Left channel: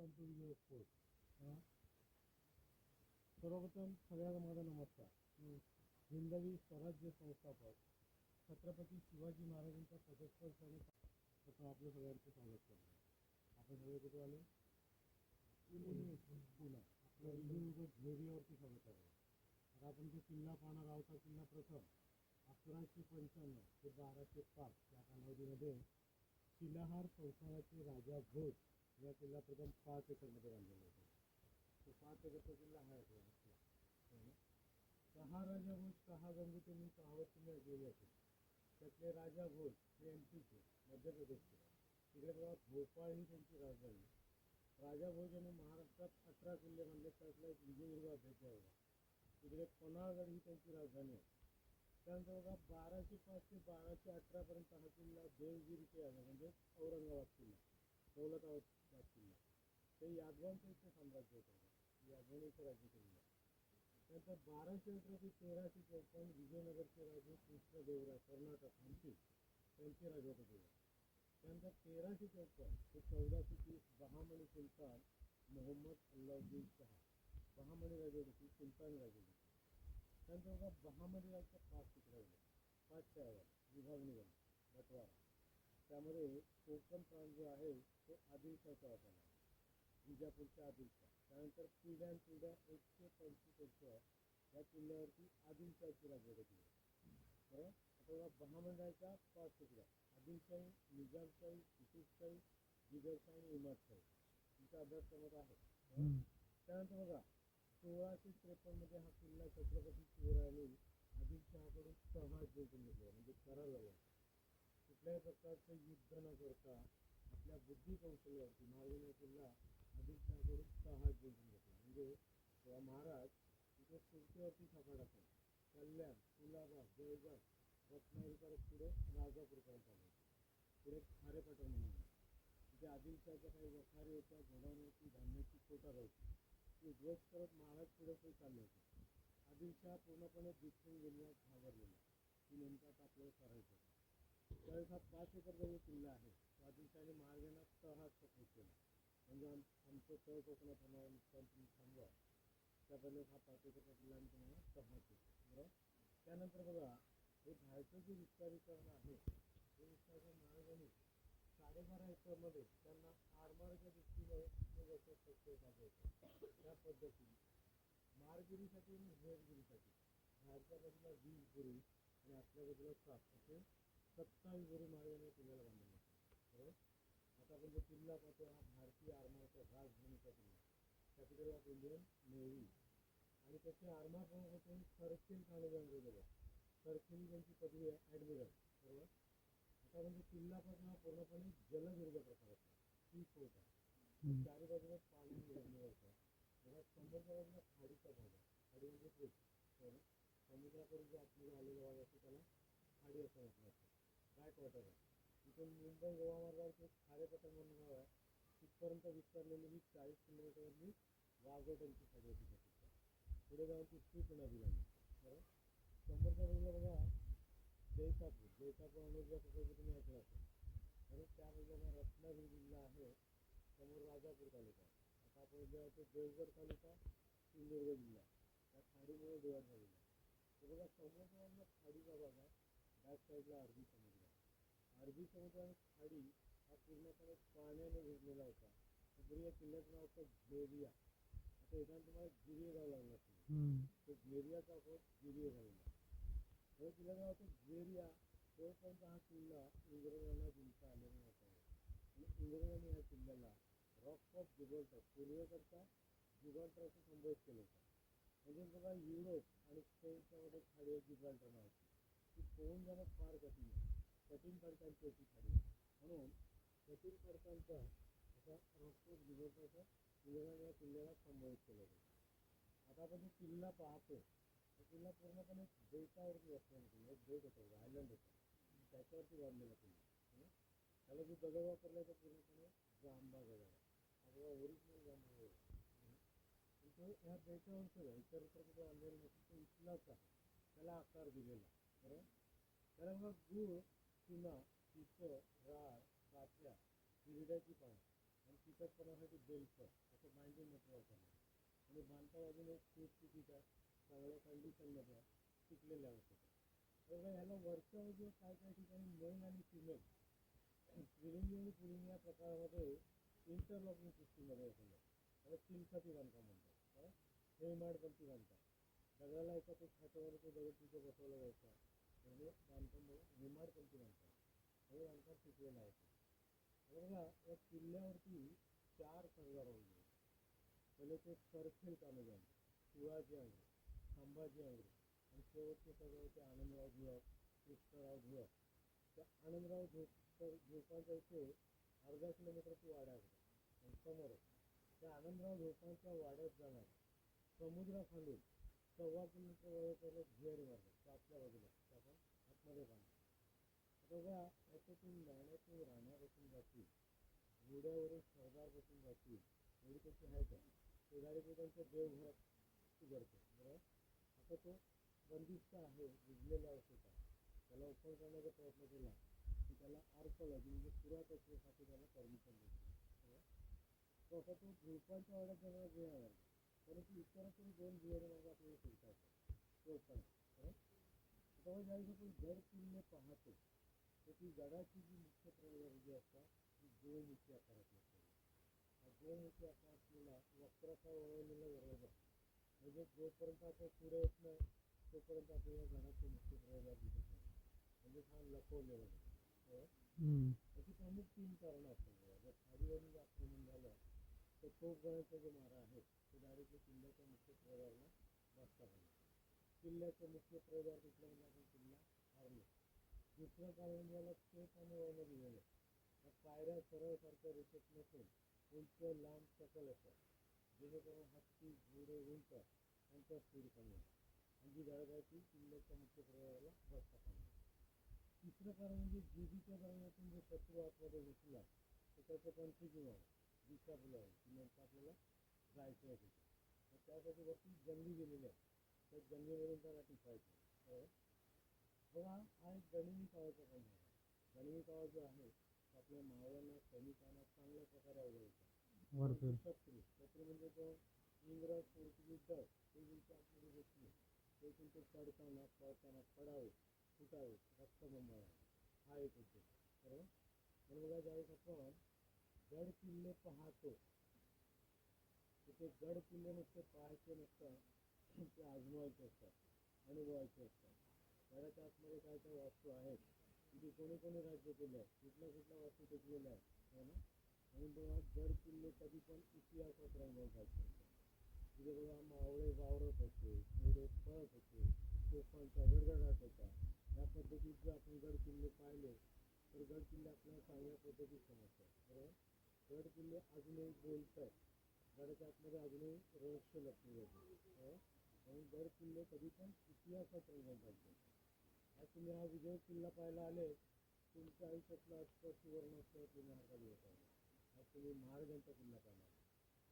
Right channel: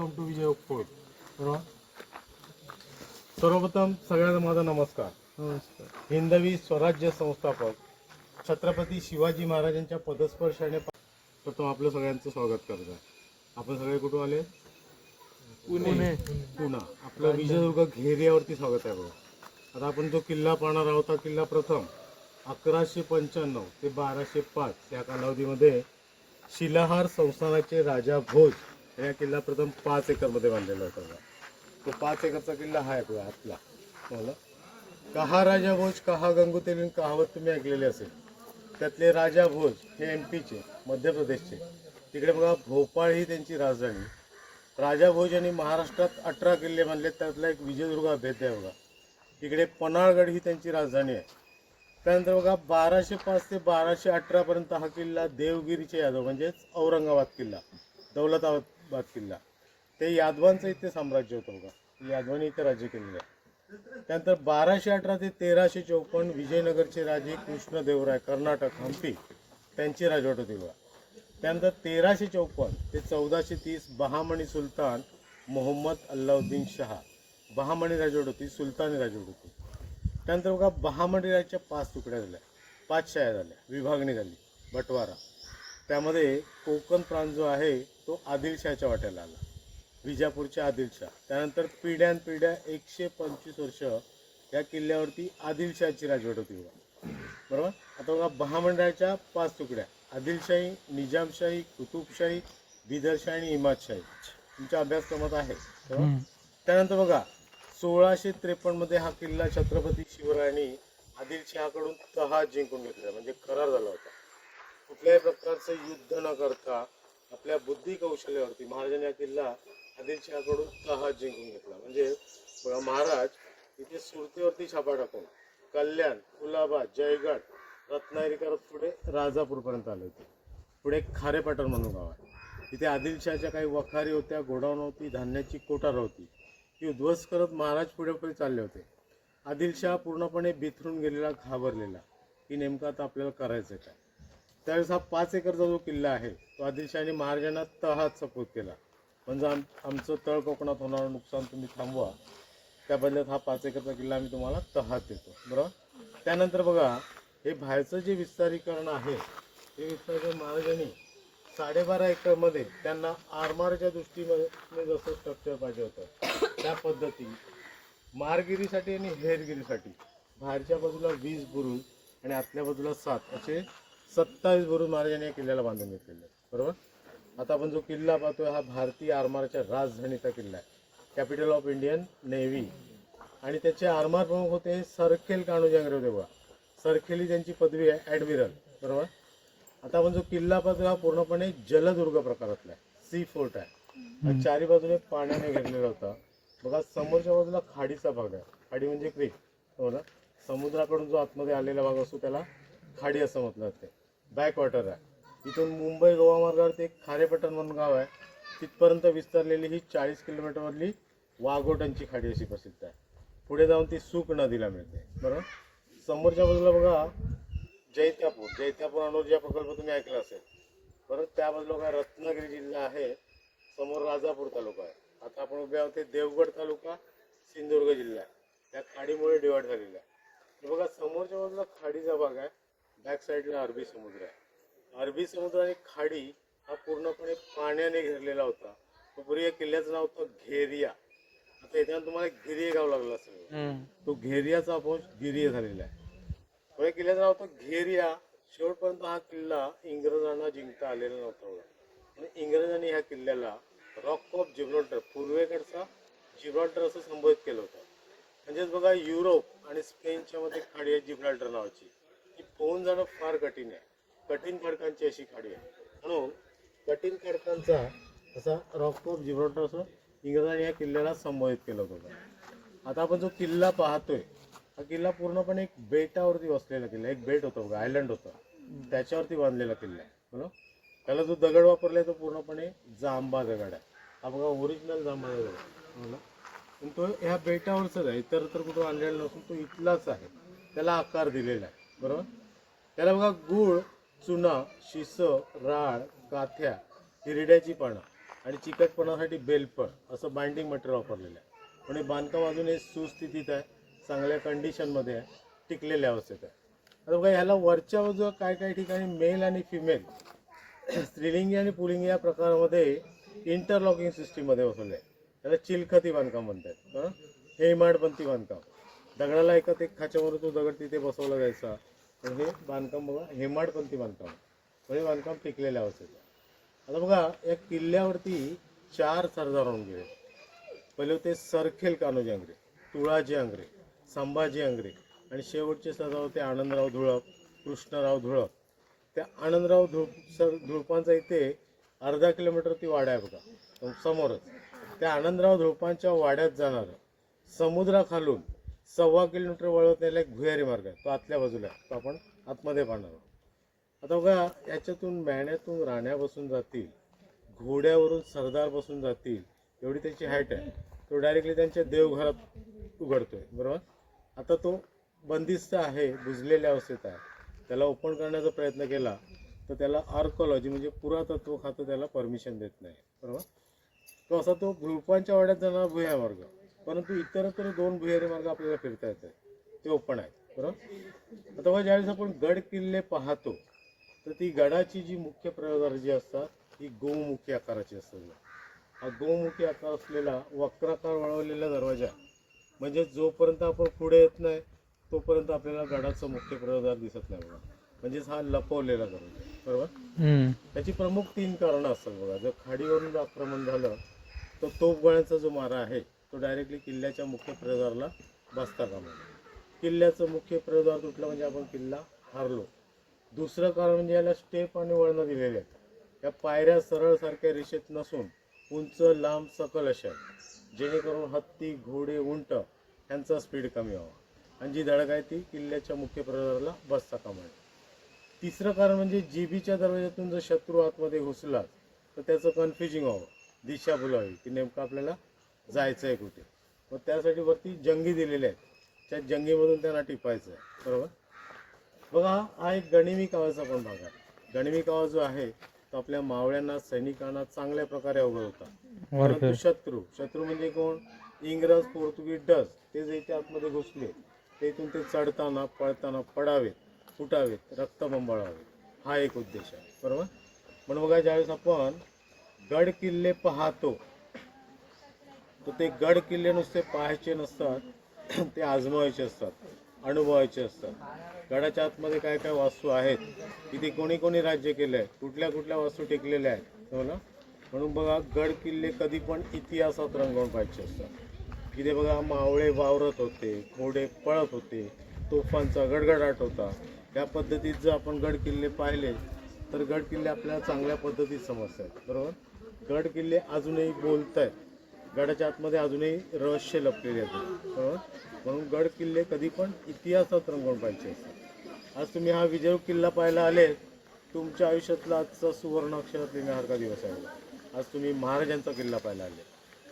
Welcome to Vijay fort. बरोबर. सर्वप्रथम सगळ्यांना माझा नमस्कार. हिंदवी स्वराज्य संस्थापक छत्रपती शिवाजी महाराजांच्या पदस्पर्शाने प्रथम आपलं सगळ्यांचं स्वागत करत आहे. आपण सगळे कुठून आले? पुणा. आपलं विजयदुर्ग घेरियावरती स्वागत आहे बघा. आता आपण जो किल्ला पाहणार आहोत हा किल्ला प्रथम 1195 ते 1205 या कालावधीमध्ये शिलाहार संस्थानाचे राजा भोज या किल्ला प्रथम 5 एकरमध्ये बांधलेला होता. तो 5 एकरचा किल्ला हा आहे आपला. मला कहा राजा भोज कहा गंगूतेली कहावत तुम्ही ऐकलेली असेल. त्यातले राजा भोज हे MP चे, मध्य प्रदेशचे. तिकडे बघा भोपाळ ही त्यांची राजधानी. राजा भोज यांनी महाराष्ट्रात 18 किल्ले बांधले. त्यातला एक विजयदुर्ग भेद आहे बघा. तिकडे पन्हाळगड ही त्यांची राजधानी आहे. त्यानंतर बघा 1205 ते 1218 पर्यंत हा किल्ला देवगिरीचे यादव म्हणजेच औरंगाबाद किल्ला, दौलताबाद किल्ला, ते यादवांचं इथे साम्राज्य होतं बघा. यादवांनी इथे राज्य केलेलं आहे. त्यानंतर 1218 ते 1354 विजयनगरचे राजे कृष्णदेवराय, कर्नाटक, हंपी, त्यांची राजवट होती बघा. त्यानंतर 1354 ते 1430 बहामनी सुलतान मोहम्मद अल्लाउद्दीन शाह, बहामनी राजवट होती, सुलतानी राजवट होती. त्यानंतर बघा बहामनी राजाच्या 5 तुकड्या झाल्या, 5 शाया झाल्या, विभागणी झाली, बटवारा. त्यामध्ये कोकण प्रांत जो आहे तो आदिलशाहच्या वाट्याला आला, विजापूरच्या आदिलशाह. त्यानंतर पिढ्यानपिढ्या 125 वर्ष या किल्ल्यावरती आदिलशाहची राजवट होती बघा. बरोबर. आता बघा बहामंडळाच्या 5 तुकड्या, आदिलशाही, निजामशाही, कुतुबशाही, बिदरशाही आणि इमादशाही तुमच्या अभ्यासक्रमात आहे. त्यानंतर बघा 1653 मध्ये हा किल्ला छत्रपती शिवरायांनी आदिलशहाकडून तहात जिंकून घेतला, म्हणजे करार झाला होता. कुठल्याही प्रकारचं युद्ध न करता आपल्या बुद्धी कौशल्यावरती महाराजांनी हा किल्ला आदिलशहाकडून तहात जिंकून घेतला. म्हणजे बघा महाराज इथे सुरतेवरती छापा टाकून कल्याण, कुलाबा, जयगड, रत्नागिरी करत पुढे राजापूरपर्यंत आले होते. पुढे खारेपाटण म्हणून गाव आहे. तिथे आदिलशहाच्या काही वखारी होत्या, गोडाऊन होती, धान्याची कोठार होती. ती उद्ध्वस्त करत महाराज पुढे पुढे चालले होते. आदिलशहा पूर्णपणे बिथरून गेलेला, घाबरलेला की नेमकं आता आपल्याला करायचं काय. त्यावेळेस हा 5 एकरचा जो किल्ला आहे तो आदिलशहाने महाराजांना तहात सपोर्ट केला. म्हणजे आमचं तळ कोकणात होणारं नुकसान तुम्ही थांबवा, त्या बदल्यात हा 5 एकरचा किल्ला आम्ही तुम्हाला तहात देतो. बरोबर. त्यानंतर बघा हे बाहेरचं जे विस्तारीकरण आहे ते विस्तारीकरण महाराजांनी 12.5 एकरमध्ये त्यांना आरमारच्या दृष्टीने जसं स्ट्रक्चर पाहिजे होतं त्या पद्धती मारगिरीसाठी आणि हेरगिरीसाठी बाहेरच्या बाजूला 20 बुरुज आणि आतल्या बाजूला 7 असे 27 बुरुज महाराजांनी या किल्ल्याला बांधून घेतलेले. बरोबर. आता आपण जो किल्ला पाहतोय हा भारतीय आरमारच्या राजधानीचा किल्ला आहे, कॅपिटल ऑफ इंडियन नेव्ही. आणि त्याचे आरमार प्रमुख होते सरखेल कान्होजी होते बघा. सरखेल ही त्यांची पदवी आहे, ॲडमिरल. बरोबर. आता आपण जो किल्ला पाहतोय हा पूर्णपणे जलदुर्ग प्रकारातला आहे, सी फोर्ट आहे. चारी बाजूने पाण्याने घेरलेला होता बघा. समोरच्या बाजूला खाडीचा भाग आहे, खाडी म्हणजे क्रीक. हो ना. समुद्राकडून जो आतमध्ये आलेला भाग असतो त्याला खाडी असं म्हटलं जाते. बॅकवॉटर आहे. इथून मुंबई गोवा मार्गावरती एक खारेपाटण म्हणून गाव आहे, तिथपर्यंत विस्तारलेली ही 40 किलोमीटरवरली वाघोटांची खाडी अशी प्रसिद्ध आहे. पुढे जाऊन ती सूक नदीला मिळते. बरोबर. समोरच्या बाजूला बघा जैत्यापूर अणुऊर्जा प्रकल्प तुम्ही ऐकला असेल. बरोबर. त्या बाजूला बघा रत्नागिरी जिल्हा आहे, समोर राजापूर तालुका आहे. आता आपण उभे आहोत ते देवगड तालुका, सिंधुदुर्ग जिल्हा आहे. त्या खाडीमुळे डिवाइड झालेला आहे. बघा समोरच्या बाजूला खाडीचा भाग आहे, बॅक साईडला अरबी समुद्र आहे. अरबी समुद्र आणि खाडी हा पूर्णपणे पाण्याने घेरलेला होता. तो पूर्वी या किल्ल्याचं नाव होतं घेरिया. आता इथे तुम्हाला गिरिये गाव लागलं असेल, तो घेरियाचा अपभ्रंश गिरिये झालेला आहे. या किल्ल्याचं नाव होतं घेरिया. शेवटपर्यंत हा किल्ला इंग्रजांना जिंकता आलेला नव्हता. आणि इंग्रजांनी ह्या किल्ल्याला रॉक ऑफ जिब्राल्टर, पूर्वेकडचा जिब्राल्टर असं संबोधित केलं होतं. म्हणजेच बघा युरोप आणि स्पेनच्या मध्ये खाडी आहे जिब्राल्टर नावाची. ती पोहून जाणं फार कठीण आहे, कठीण खडकांची अशी खाडी आहे. म्हणून कठीण खडकांचा असा रॉक ऑफ जिब्राल्टर असं इंग्रजांनी या किल्ल्याला संबोधित केलं होतं. आता आपण जो किल्ला पाहतोय हा किल्ला पूर्णपणे एक बेटावरती बसलेला किल्ला, एक बेट होतं बघा, आयलंड होतं, त्याच्यावरती बांधलेला किल्ला आहे. बरोबर. त्याला जो दगड वापरलाय तो पूर्णपणे जांबा दगड आहे. हा बघा ओरिजिनल जांबा दगड आहे. पण तो ह्या बेटावरच आहे, इतर तर कुठं आणलेला नसून तो इथलाच आहे, त्याला आकार दिलेला आहे. बरोबर. त्याला बघा गुळ, चुना, शिस, राळ, काथ्या, हिरड्याची पानं आणि चिकटपणासाठी बेलपण असं बाइंडिंग मटेरियल वापरलेलं आहे. पण हे बांधकाम अजूनही सुस्थितीत आहे, चांगल्या कंडिशनमध्ये आहे, टिकलेल्या अवस्थेत आहे. आता बघा ह्याला वरच्या बाजूला काय काय ठिकाणी मेल आणि फिमेल स्त्रीलिंगी आणि पुलिंगी या प्रकारामध्ये इंटरलॉकिंग सिस्टीममध्ये बसवलं आहे. त्याला चिलखती बांधकाम म्हणतात. हे इमाडपंथी बांधकाम, दगडाला एकात एक खाच्यावर तो दगड तिथे बसवला जायचा. तर हे बांधकाम बघा हेमाडपंथी बांधकाम, म्हणजे बांधकाम टिकलेल्या अवस्थेत. आता बघा या किल्ल्यावरती 4 सरदार होऊन गेले. पहिले होते सरखेल कान्होजी आंग्रे, तुळाजी आंग्रे, संभाजी आंग्रे आणि शेवटचे सरदार होते आनंदराव धुळप, कृष्णराव धुळप. त्या आनंदराव धुळपांचा इथे अर्धा किलोमीटरवरती वाडा आहे बघा समोरच. त्या आनंदराव धुळपांच्या वाड्यात जाणारं समुद्राखालून 1.25 किलोमीटर वळवत नेला एक भुयारी मार्ग आहे, तो आतल्या बाजूला आहे, तो आपण आतमध्ये पाहणार आहोत. आता बघा याच्यातून मेहण्यातून राण्या बसून जातील, घोड्यावरून सरदार बसून जातील, एवढी त्याची हाईट आहे. तो डायरेक्टली त्यांच्या देवघरात उघडतोय, बरोबर. आता तो बंदिस्त आहे, बुजलेल्या अवस्थेत आहे. त्याला ओपन करण्याचा प्रयत्न केला तर त्याला आर्कोलॉजी म्हणजे पुरातत्व खातं त्याला परमिशन देत नाही, बरोबर. तो असा तो धुळपांच्या वाड्यात जाणारा भुयारी मार्ग, परंतु इतरत्र 2 भुयारी मार्ग आपल्याला फिरता येतात, ते ओपन आहेत, बरोबर. आता बघा ज्यावेळेस आपण गड किल्ले पाहतो तर ती गडाची जी मुख्य प्रवेशद्वार जी असतात ती गोमुखी आकाराची असतात. हा गोमुखी आकार असलेला वक्राकार वळवलेला दरवाजा, म्हणजे जोपर्यंत आपण पुढे येत नाही तोपर्यंत आपल्याला गडाचं मुख्य प्रवेशद्वार दिसत नाही बघा. म्हणजेच हा लपवलेला दरवाजा, बरोबर. त्याची प्रमुख 3 कारणं असतात बघा. जर खाडीवरून आक्रमण झालं तर तोफगोळ्यांचा जो मारा आहे तो डायरेक्टली किल्ल्याच्या मुख्य प्रवेशद्वाराला बसता कामा नये. किल्ल्याचं मुख्य प्रवेशद्वार तुटलं म्हणजे आपण किल्ला हारलो. दुसरं कारण म्हणजे याला स्टेप आणि वळणं दिलेले आहेत. या पायऱ्या सरळ सारख्या रेषेत नसून उंच लांब सकल अशा, जेणेकरून हत्ती घोडे उंट यांचा स्पीड कमी व्हावा आणि जी धडक आहे ती किल्ल्याच्या मुख्य प्रवेशद्वाराला बसता कामा नये. तिसरं कारण म्हणजे जीबीच्या दरवाज्यातून जर शत्रू आतमध्ये घुसला तर त्याचं कन्फ्युजिंग व्हावं, दिशा भुलावी की नेमकं आपल्याला जायचं आहे कुठे. मग त्यासाठी वरती जंगी दिलेले आहेत, त्या जंगीमधून त्यांना टिपायचं आहे, बरोबर. बघा हा एक गणिमी कावाचा पण भाग आहे. गणिमी कावा जो आहे तो आपल्या मावळ्यांना सैनिकांना चांगल्या प्रकारे अवगत होता. परंतु शत्रू म्हणजे कोण, इंग्रज पोर्तुगीज डच, ते जे इथे आतमध्ये घुसले तेथून ते चढताना पळताना पडावेत, फुटावेत, रक्तबंबाळावे, हा एक उद्देश आहे, बरोबर. म्हणून बघा ज्यावेळेस आपण गड किल्ले पाहतो तर ते गड किल्ले नुसते पाहायचे नसतात, ते आजमावायचे असतात, अनुभवायचे असतात. गडाच्या आतमध्ये काय काय वास्तू आहेत, तिथे कोणी कोणी राज्य केलं आहे, कुठल्या कुठल्या वास्तू टिकलेल्या आहेत, हो ना. म्हणून बघा गड किल्ले कधी पण इतिहासात रंगवून पाहिजे असतात. तिथे बघा मावळे वावरत होते, घोडे पळत होते, तोफांचा गडगडाट होता. त्या पद्धतीत जर आपण गड किल्ले पाहिले तर गड किल्ले आपल्याला चांगल्या पद्धतीत समजतात, बरोबर. गड किल्ले अजूनही बोलत आहेत, गडाच्या आतमध्ये अजूनही रहस्य लपलेले आहेत, बरोबर. म्हणून गड किल्ले कधी पण इतिहासात रंगवून पाहिजे असतात. आज तुम्ही हा विजय किल्ला पाहायला आले, तुमच्या आयुष्यातला आजचा सुवर्ण अक्षरात लिहिण्यासारखा दिवस आहे. आज तुम्ही महाराजांचा किल्ला पाहायला आले.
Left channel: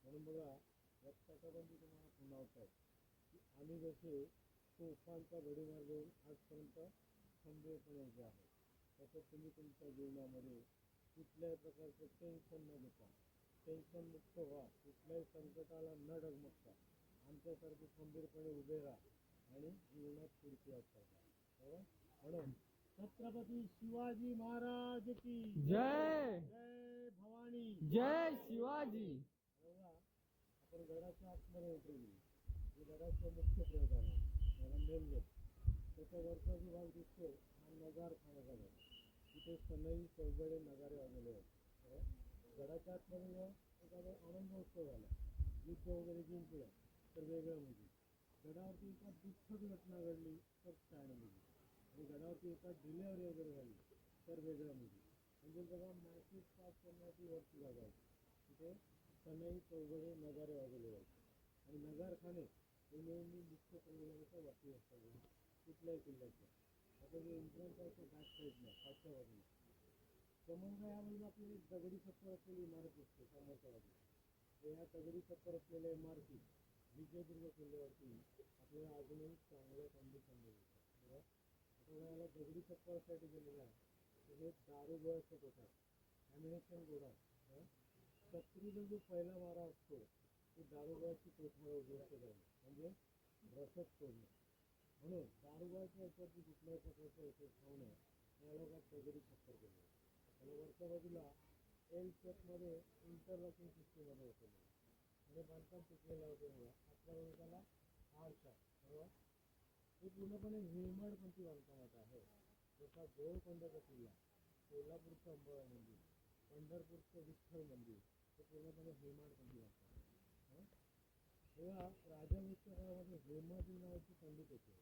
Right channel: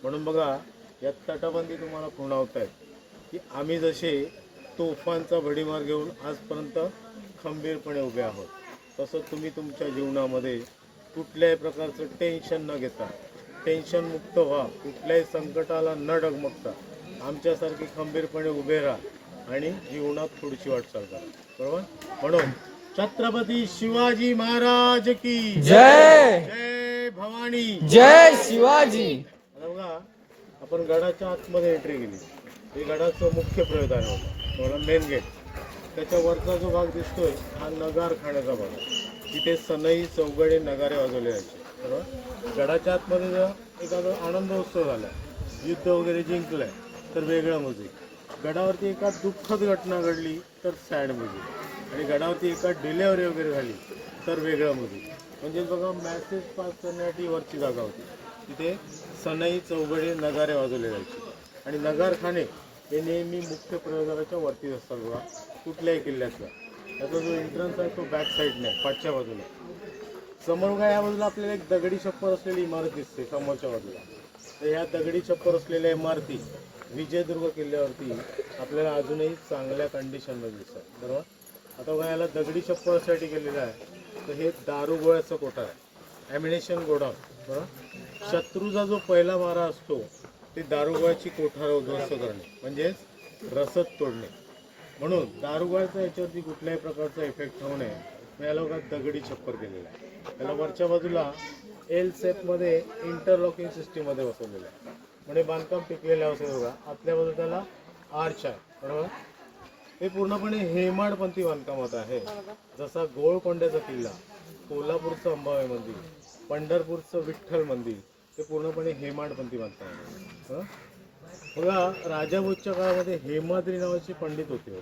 म्हणून बघा या तटबंदी तुम्हाला खुणावत आहेत की आम्ही जसे तोफांचा भडीमार घेऊन आजपर्यंत खंबीरपणे उभे आहोत, तसं तुम्ही तुमच्या जीवनामध्ये कुठल्याही प्रकारचं टेन्शन न घेता, टेन्शन मुक्त व्हा, कुठल्याही संकटाला न डगमगता आमच्यासारखे खंबीरपणे उभे राहा आणि जीवनात पुढची वाटचाल करा, बरोबर. म्हणून छत्रपती शिवाजी महाराज की जय. जय भवानी, जय शिवाजी. आता बघा आपण गडाच्या आतमध्ये एंट्री केली, हे गडाचं मुख्य प्रवेशद्वार होतं, मेन गेट. त्याच्या वरचा जो भाग दिसतोय हा नगारखान्याचा भाग आहे. तिथे सनई चौघडे नगारे वाजवले जायचे, बरोबर. गडाच्या आतमध्ये जर एखादा आनंद उत्सव झाला, युद्ध वगैरे जिंकलंय तर वेगळं म्युझिक, गडावरती एका दुःखद घटना घडली तर सॅड म्युझिक, आणि गडावरती एका डिलेवरी वगैरे झाली तर वेगळं म्युझिक. म्हणजे बघा मेसेज पास करण्यासाठी वरची जागा होती, तिथे सनई चौघडे नगारे वाजवले जायचे. आणि नगारखाने हे नेहमी मुख्य प्रवेशद्वाराच्या वरतीच असतात बघा कुठल्याही किल्ल्यातला. त्याचा जो एंट्रन्स आहे तो बॅक साईडने पाठच्या बाजूला. समोर बघा या बाजूला आपल्याला एक दगडी छप्पर असलेली इमारत दिसते समोरच्या बाजूला. तर ह्या दगडी छप्पर असलेल्या इमारती विजयदुर्ग किल्ल्यावरती आपल्याला अजूनही चांगल्या कंडिशनमध्ये दिसतात, बरोबर. आता बघा याला दगडी छप्पर यासाठी केलेलं आहे तर हे दारू गोळ्याचं कोठार आहे, ॲम्युनेशन गोडाऊन, बरोबर. शत्रूचा जो पहिला मारा असतो ते दारुगोळ्याची कोठार उद्ध्वस्त करणे म्हणजेच रसद तोडणे. म्हणून दारुगोळ्याचा याच्यावरती कुठल्याही प्रकारचा इफेक्ट होऊ नये मग या लोकांत दगडी छप्पर केलेला आहे. त्याला वरच्या बाजूला एल सेपमध्ये इंटरलॉकिंग सिस्टीममध्ये बसवलेलं आहे. म्हणजे बांधकाम टिकलेलं असेल बघा. आतल्या बाजूला त्याला आर्च आहे बरोबर. हे पूर्णपणे हेमाडपंथी बांधकामात आहे. जसा गोळकोंड्याचा किल्ला, कोल्हापूरचं अंबाबाई मंदिर, पंढरपूरचं विठ्ठल मंदिर हे पूर्णपणे हेमाडपंथी बांधकाम आहे. बघा राजाभोजच्या काळामध्ये हेमाद्री नावाचे पंडित होते.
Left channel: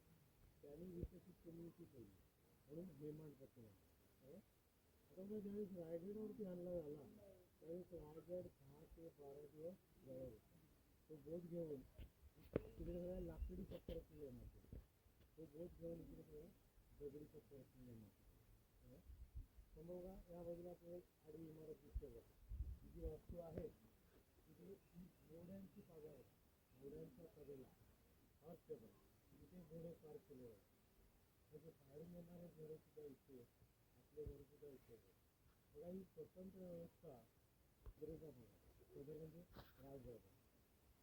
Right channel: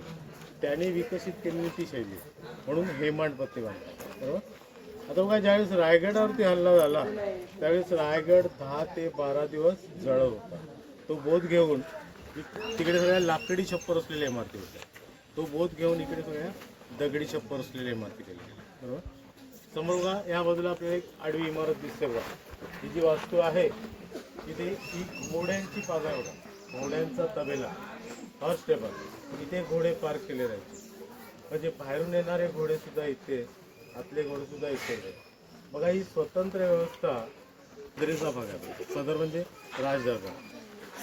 त्यांनी विकसित केलेली ती शैली म्हणून हेमाडपंथी बांधकाम बरोबर. आता बघा ज्यावेळेस रायगडावरती हल्ला झाला त्यावेळेस रायगड 10 ते 12 दिवस जळत होता. तो बोध घेऊन तिकडे सगळ्या लाकडी छप्पर असलेल्या इमारती होत्या. तो बोध घेऊन इकडे सगळ्या दगडी छप्पर असलेल्या इमारती केल्या गेल्या बरोबर. समोर बघा या बाजूला आपल्याला एक आडवी इमारत दिसते बघा. ही जी वास्तू आहे तिथे ही घोड्यांची पाजा आहे बघा. घोड्यांचा तबेला हॉर्स टेबल. इथे घोडे पार्क केले राहायचे. म्हणजे बाहेरून येणारे घोडे सुद्धा इथे, आपले घोडे सुद्धा इथे. बघा ही स्वतंत्र व्यवस्था दरीचा भाग आहे. सदर म्हणजे राजदरबार.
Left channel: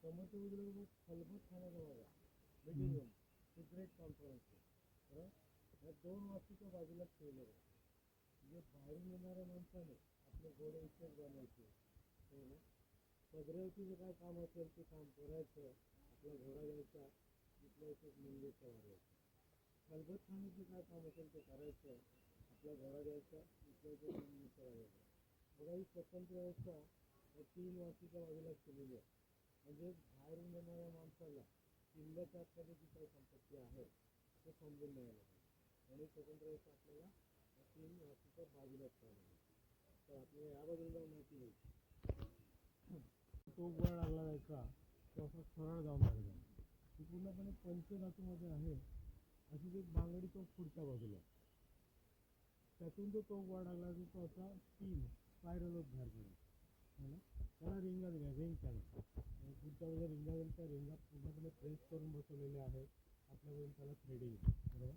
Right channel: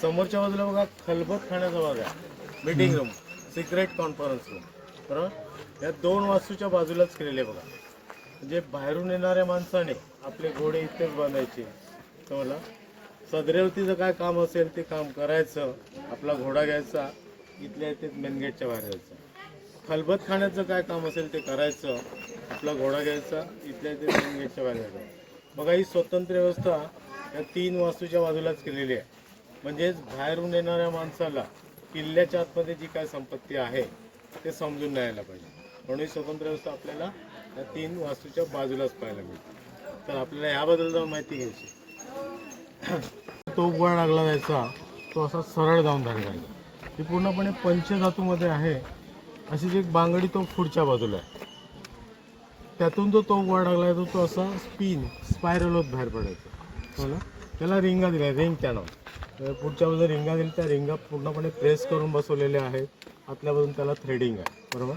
समोरच्या बाजूला बघा खलबत खाण्याचा भाग आहे. Meeting room, secret conference room बरोबर. या दोन वास्तूच्या बाजूलाच केलेले बघा. म्हणजे बाहेरून येणाऱ्या माणसाने आपले घोडे इथेच बांधायचे. समजला. सदरेवतीचं काय काम असेल ते काम करायचं. आपला घोडा घ्यायचा, इथल्या इथे मेन गेटच्या बाहेर जायचं. खलबत खाण्याचं काय काम असेल ते करायचं. आपला घोडा घ्यायचा, इथल्या इथे मेन गेटच्या बाहेर जायचं. बघा ही स्वतंत्र व्यवस्था या 3 वास्तूच्या बाजूलाच केलेली आहे. म्हणजेच बाहेरून येणाऱ्या माणसाला किल्ल्याच्या आतमध्ये जी काय संपत्ती आहे ते समजून नाही यायला पाहिजे. म्हणून ही स्वतंत्र व्यवस्था आपल्याला या 3 वास्तूच्या बाजूलाच पाहायला मिळते. तर आपल्याला याबद्दल जाऊन माहिती घ्यायची. तो गोळा लागला जायचा तो असा सरळ जाऊन झालेला आहे. ती पूर्णपणे पंचधातूमध्ये आहे. अशीच एक बांगडी तो पुढच्या बाजूला आहे. त्यातून तो गोळा लागला आहे तो असा स्पायरल होत बाहेर पडायचा. हो ना. त्याला रिंगा दिल्या, रिंग कॅनॉन. पुढच्या बाजूला रिंगा दिल्या. त्या रिंगा पूर्णपणे प्रेस करून बसवलेल्या आहेत. आतल्या बाजून त्याला थ्रेडिंग आहे बरोबर.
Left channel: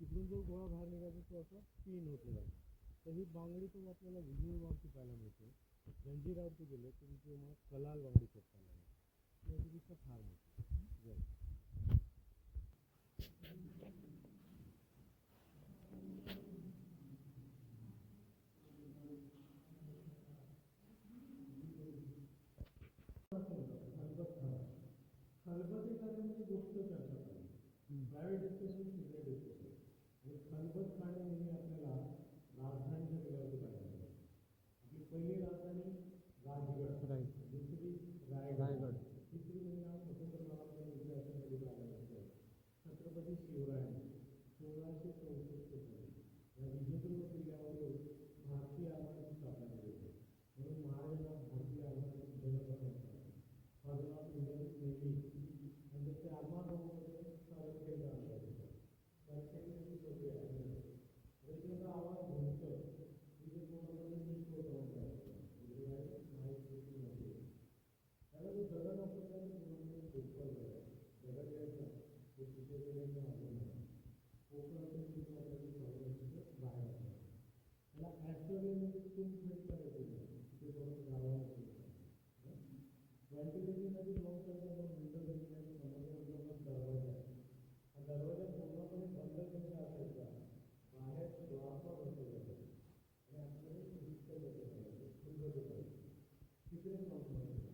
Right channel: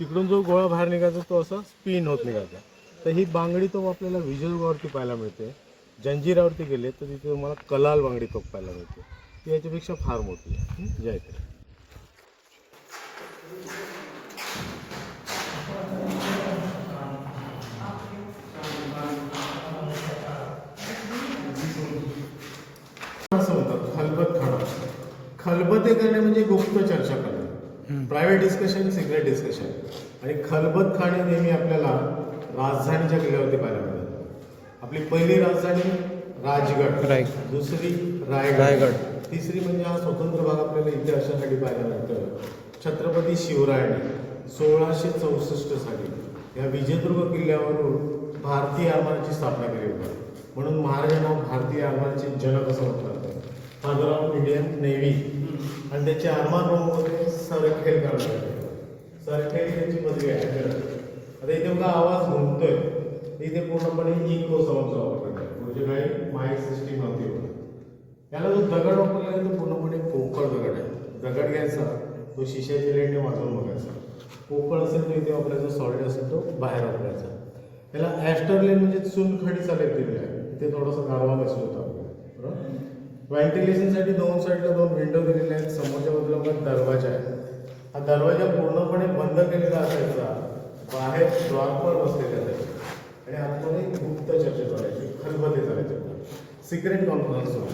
तिकडून जो गोळा बाहेर निघायचा तो असा स्पिन होत निघायचा. तर ही बांगडी तोफ आपल्याला विजयदुर्गावरती पाहायला मिळते. जंजिरावरती गेले तर तिथे तुम्हाला कलाल बांगडी तोफ पाहायला मिळते. ती याच्यापेक्षा फार मोठी आहे. जय श्री. असं होतं खलबत खाणं. खलबते करणे म्हणजे गुप्त चर्चा करणे. Private discussion, secret discussion. आणि खलबत खाणे नेहमी आपल्याला राजधानीच्या किल्ल्यावरती पाहायला मिळतात. आपली पहिली राजधानी राजगड, दुसरी रायगड, तिसरी म्हणजे हा स्वतंत्र भाग आपल्याला इथे अशासाठी पाहायला मिळतं. छत्रपती शिवरायांनी 1664 साली या विजयदुर्ग किल्ल्यावरून भारतीय आरमाराची स्थापना केली होती. म्हणून महाराजांना भारतीय आरमाराचे जनक असं म्हटलं जातं. Father of Indian navy. आणि त्याचे आरमार प्रमुख होते सरखेलकर. सरखेल त्यांची पदवी आहे. आता इथे बघा आवाज घुमतोय. इथे पूर्णपणे इको साऊंडचा वापर करतात. म्हणजे काही माईक सिस्टीम नव्हती होती. याला जो दगड वापरला आहे तो पूर्णपणे पोकळ दगड आहे. दगड घ्यायचा, तो शिशाच्या लेटने वाजवून बघायचा. पोकळ असेल तो इथे वापरायचा, सॉलिड असेल तो बाहेर वापरायचा. त्याला ॲस्टरलेन म्हणजे चुनखडीचा लेप दिलेला आहे. इथे थोडासा गारवा बसला होता बरोबर. व्हेंटिलेशनसाठी 2 साईडला 2 विंडो दिलेल्या आहेत. समोरच्या बाजूला पण दरवाजा आहे. हा दरवाजा पूर्णपणे बंद केलेला असायचा. बाहेर द्वारपाल बसलेले असायचे आणि आतमध्ये गुप्त चर्चा चालायची, खलबते चालायचे. Secret conference room.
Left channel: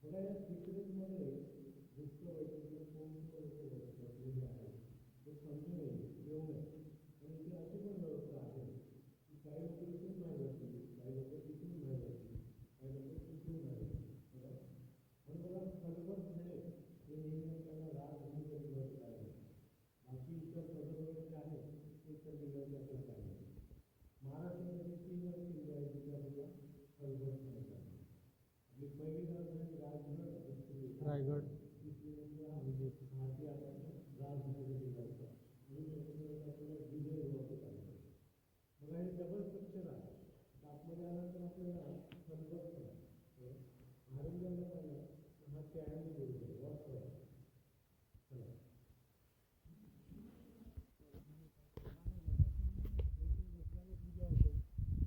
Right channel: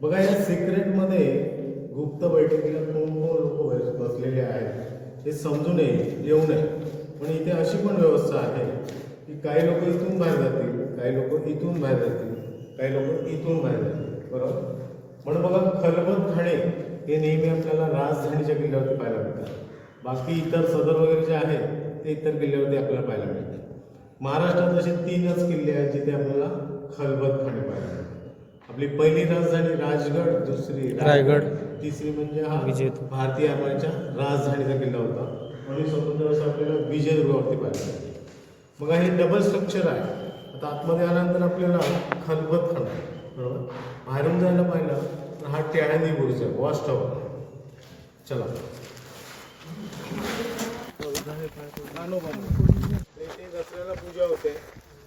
बघा या सिक्रेटमध्ये गुप्त बैठकीला कोण लोक बसलेले आहेत हे समजून येऊ नये. पण इथे अशी पण व्यवस्था आहे की काही लोक इथून बाहेर जातील, काही लोक इथून बाहेर जातील, काही लोक इथून बाहेर जातील बरोबर. म्हणून बघा खलबत खाणे हे नेहमी आपल्याला राजधानीच्या किल्ल्यावरती पाहायला मिळतात. बाकी इतर सदर वगैरे जे आहेत ते इतर किल्ल्यावरती आपल्याला पाहायला मिळतात. महाराष्ट्रात असे 3च किल्ले आहेत जिथे आपल्याला खलबत खाणे पाहायला मिळतात. आपली पहिली राजधानी राजगड, दुसरी रायगड, तिसरी म्हणजे हा भारतीय आरमाराच्या राजधानीचा किल्ला होता. म्हणून स्वतंत्र असं आपल्याला विजयदुर्गावरती पाहायला मिळते. मग हे डबल स्ट्रक्चर आहे. आता आतमध्ये आल्यानंतर आपल्याला खलबत खाणं बरोबर. बाहेरून जायला पाहिलं तर हा टेहळणी बुरुज आहे, वॉच टॉवर. चला इथे दसऱ्याला पूजा होते.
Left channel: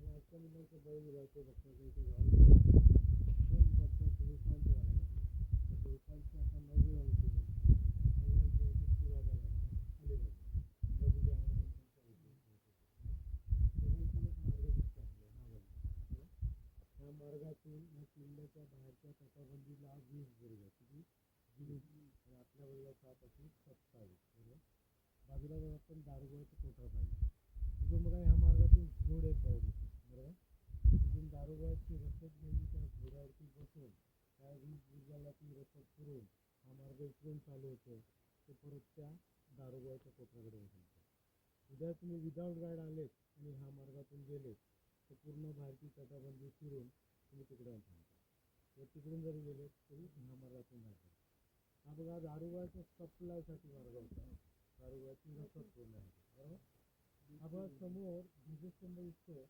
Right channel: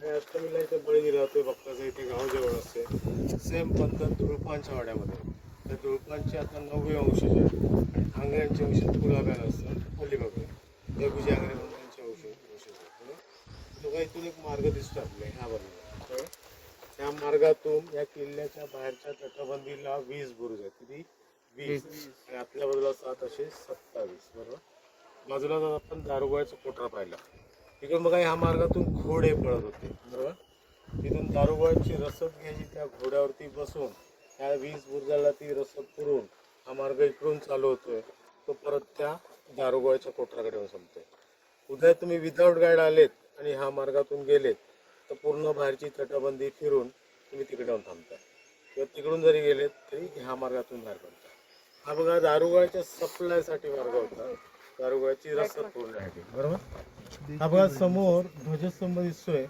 काय अष्टमीला इथे बळी दिला जातोय भक्ताचं, इथे गाव जेवण असते. सेम पद्धत दुळपांच्या वाड्यामध्ये. त्या दुळपांचे आता 9वे वंशज आहेत आणि आंगऱ्यांचे वंशज गुलाब्याला असतात अलिबागला. देवजी आंगरे म्हणून त्यांचे वंशज आहेत. तो काही इथून एक मार्ग दिसतो आपल्या ह्या बाजूला. त्या मार्गातून या किल्ल्याच्या बाहेरच्या तटबंदीला 20 बुरुज आहेत. किती? 20. आणि आतल्या बाजूला 7 असे 27. बरोबर. बाजूला जर आपण दारुगोळ्याचा कोठरा पाहिला, तिकडून बघा ह्या मार्गातून घोडे पळत होते. बरोबर. तिथून दारुगोळ्याची रसद घ्यायची, त्या घोड्यावरती बसून त्या 20 बुरुजाला ती रसद पुरवून हा मार्ग इकडून चालू होतोय. तो परत त्या दारुगोळ्याच्या कोठराकडे येऊन संपतोय. उद्या तुम्ही विदाऊट गाईड आलेत आणि ह्या मार्गातून गेलेत तर पूर्ण बाहेरची तटबंदी फिरून तुम्ही तिकडे जाऊन थांबताय, किंवा तिकडून जरी गेलेत तरी ह्या मार्गातून बाहेर पडताय. हा बघा दारुगोळ्याच्या सप्लायसाठी मार्ग होता, दारुगोळ्याची रसद पुरवण्यासाठी. बरोबर. हा बघा समोर ध्वजस्तंभ दिसतोय.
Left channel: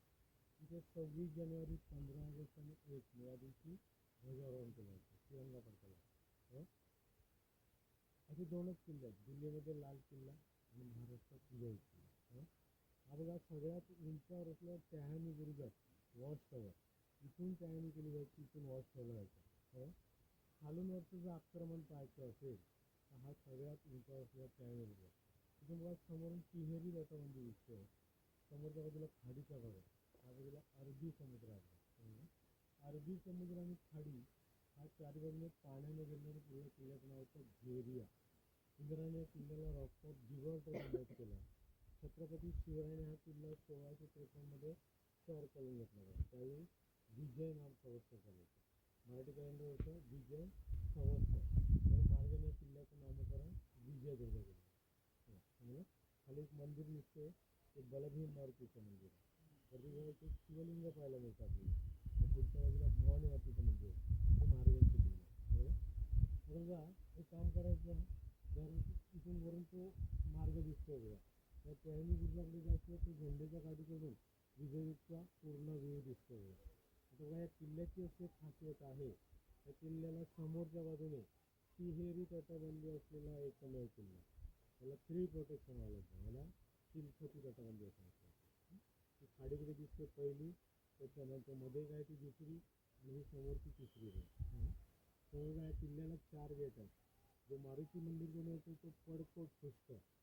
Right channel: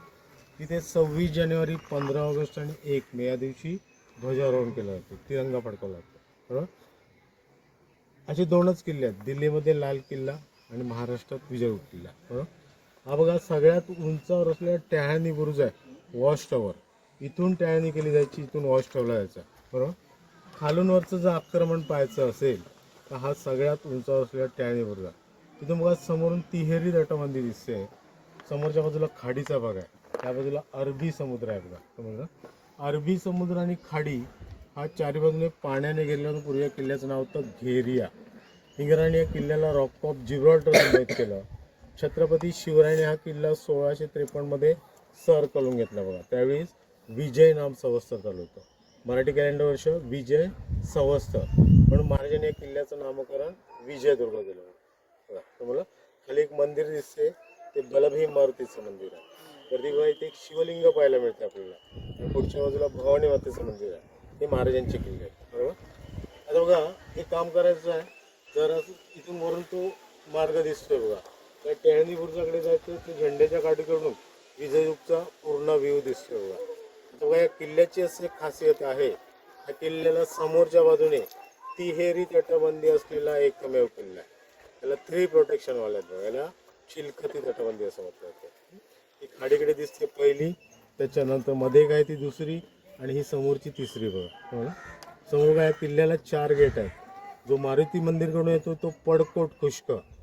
तिथे 26 जानेवारी, 15 ऑगस्ट आणि 1 मे या दिवशी ध्वजारोहण केलं जातं, तिरंगा फडकवला जातो. बरोबर. असे 2च किल्ले आहेत, दिल्लीमध्ये लाल किल्ला आणि महाराष्ट्रात विजयगड किल्ला. बरोबर. हा बघा सगळ्यात उंचावर असलेला टॅहनी बुरुज आहे, वॉच टॉवर. इथून टॅहनी केली जायची, इथून वॉच टॉवरला जायचा. बरोबर. खालून वरचं जर आक्रमण पाहायचं असेल तर हा सगळ्यात उंचावर असलेला टॅहनी बुरुज आहे. तिथून बघा समोरून तिहेरी तटबंदी दिसते. समोरच्या बाजूला खाडीचा भाग आहे, त्या बाजूला अरबी समुद्र आहे. बघा समजलं. अरबी समुद्र आणि खाडी हा चारी बाजूने पाण्याने घेरल्यानं पूर्वी या किल्ल्याचं नाव होतं घेरिया. इंग्रजांनी या किल्ल्याला रॉक ऑफ जिब्राल्टर नामित केलं. छत्रपती शिवरायाने हा किल्ला 1653 मध्ये सर करून घेतला. बघा त्यावेळी विजय नाम संवत्सर चालू होतं. मराठी कॅलेंडर वर्ष विजय संवत्सर, म्हणून महाराजांनी या किल्ल्याचं नामकरण विजयदुर्ग केलं. बघा तुम्हाला खाली एक मंदिर दिसते, ते बलभीम मारुतीचं मंदिर आहे. वरती बघा इथे एक शिवलिंग पाहायला मिळते आपल्याला, आणि पुढच्या बाजूला भवानी मातेचं मंदिर आहे. हे महाराजांचे किल्ले आहेत. बरोबर. आता बघा हे काम करायचं आहे, जर इथून वरून तो मार्ग दिसतोय बघा, त्या टॅहनी बुरुजाकडे जायचं, ते झेंड्याच्या काठीकडून विजययुगचा पूर्ण व्ह्यू दिसतोय बघा. आता बघा या किल्ल्याची अशी एक खासियत आहे, या किल्ल्याला समोरच्या बाजूने तिहेरी तटबंदी असलेला एकमेव किल्ला आहे. याला 3 प्रोटेक्शन वाले आहेत बघा. याला चिलखती तटबंदी असं म्हटलं जातं. ही खाडीकडे दिसते पहिली, त्याच्यानंतर मध्ये काय ती दुसरी, आणि ही समोरची तिसरी. बघा समोर काय किल्ल्याला 4 गेट आहेत. जो मारुती मंदिरकडून येतो तो पडकोट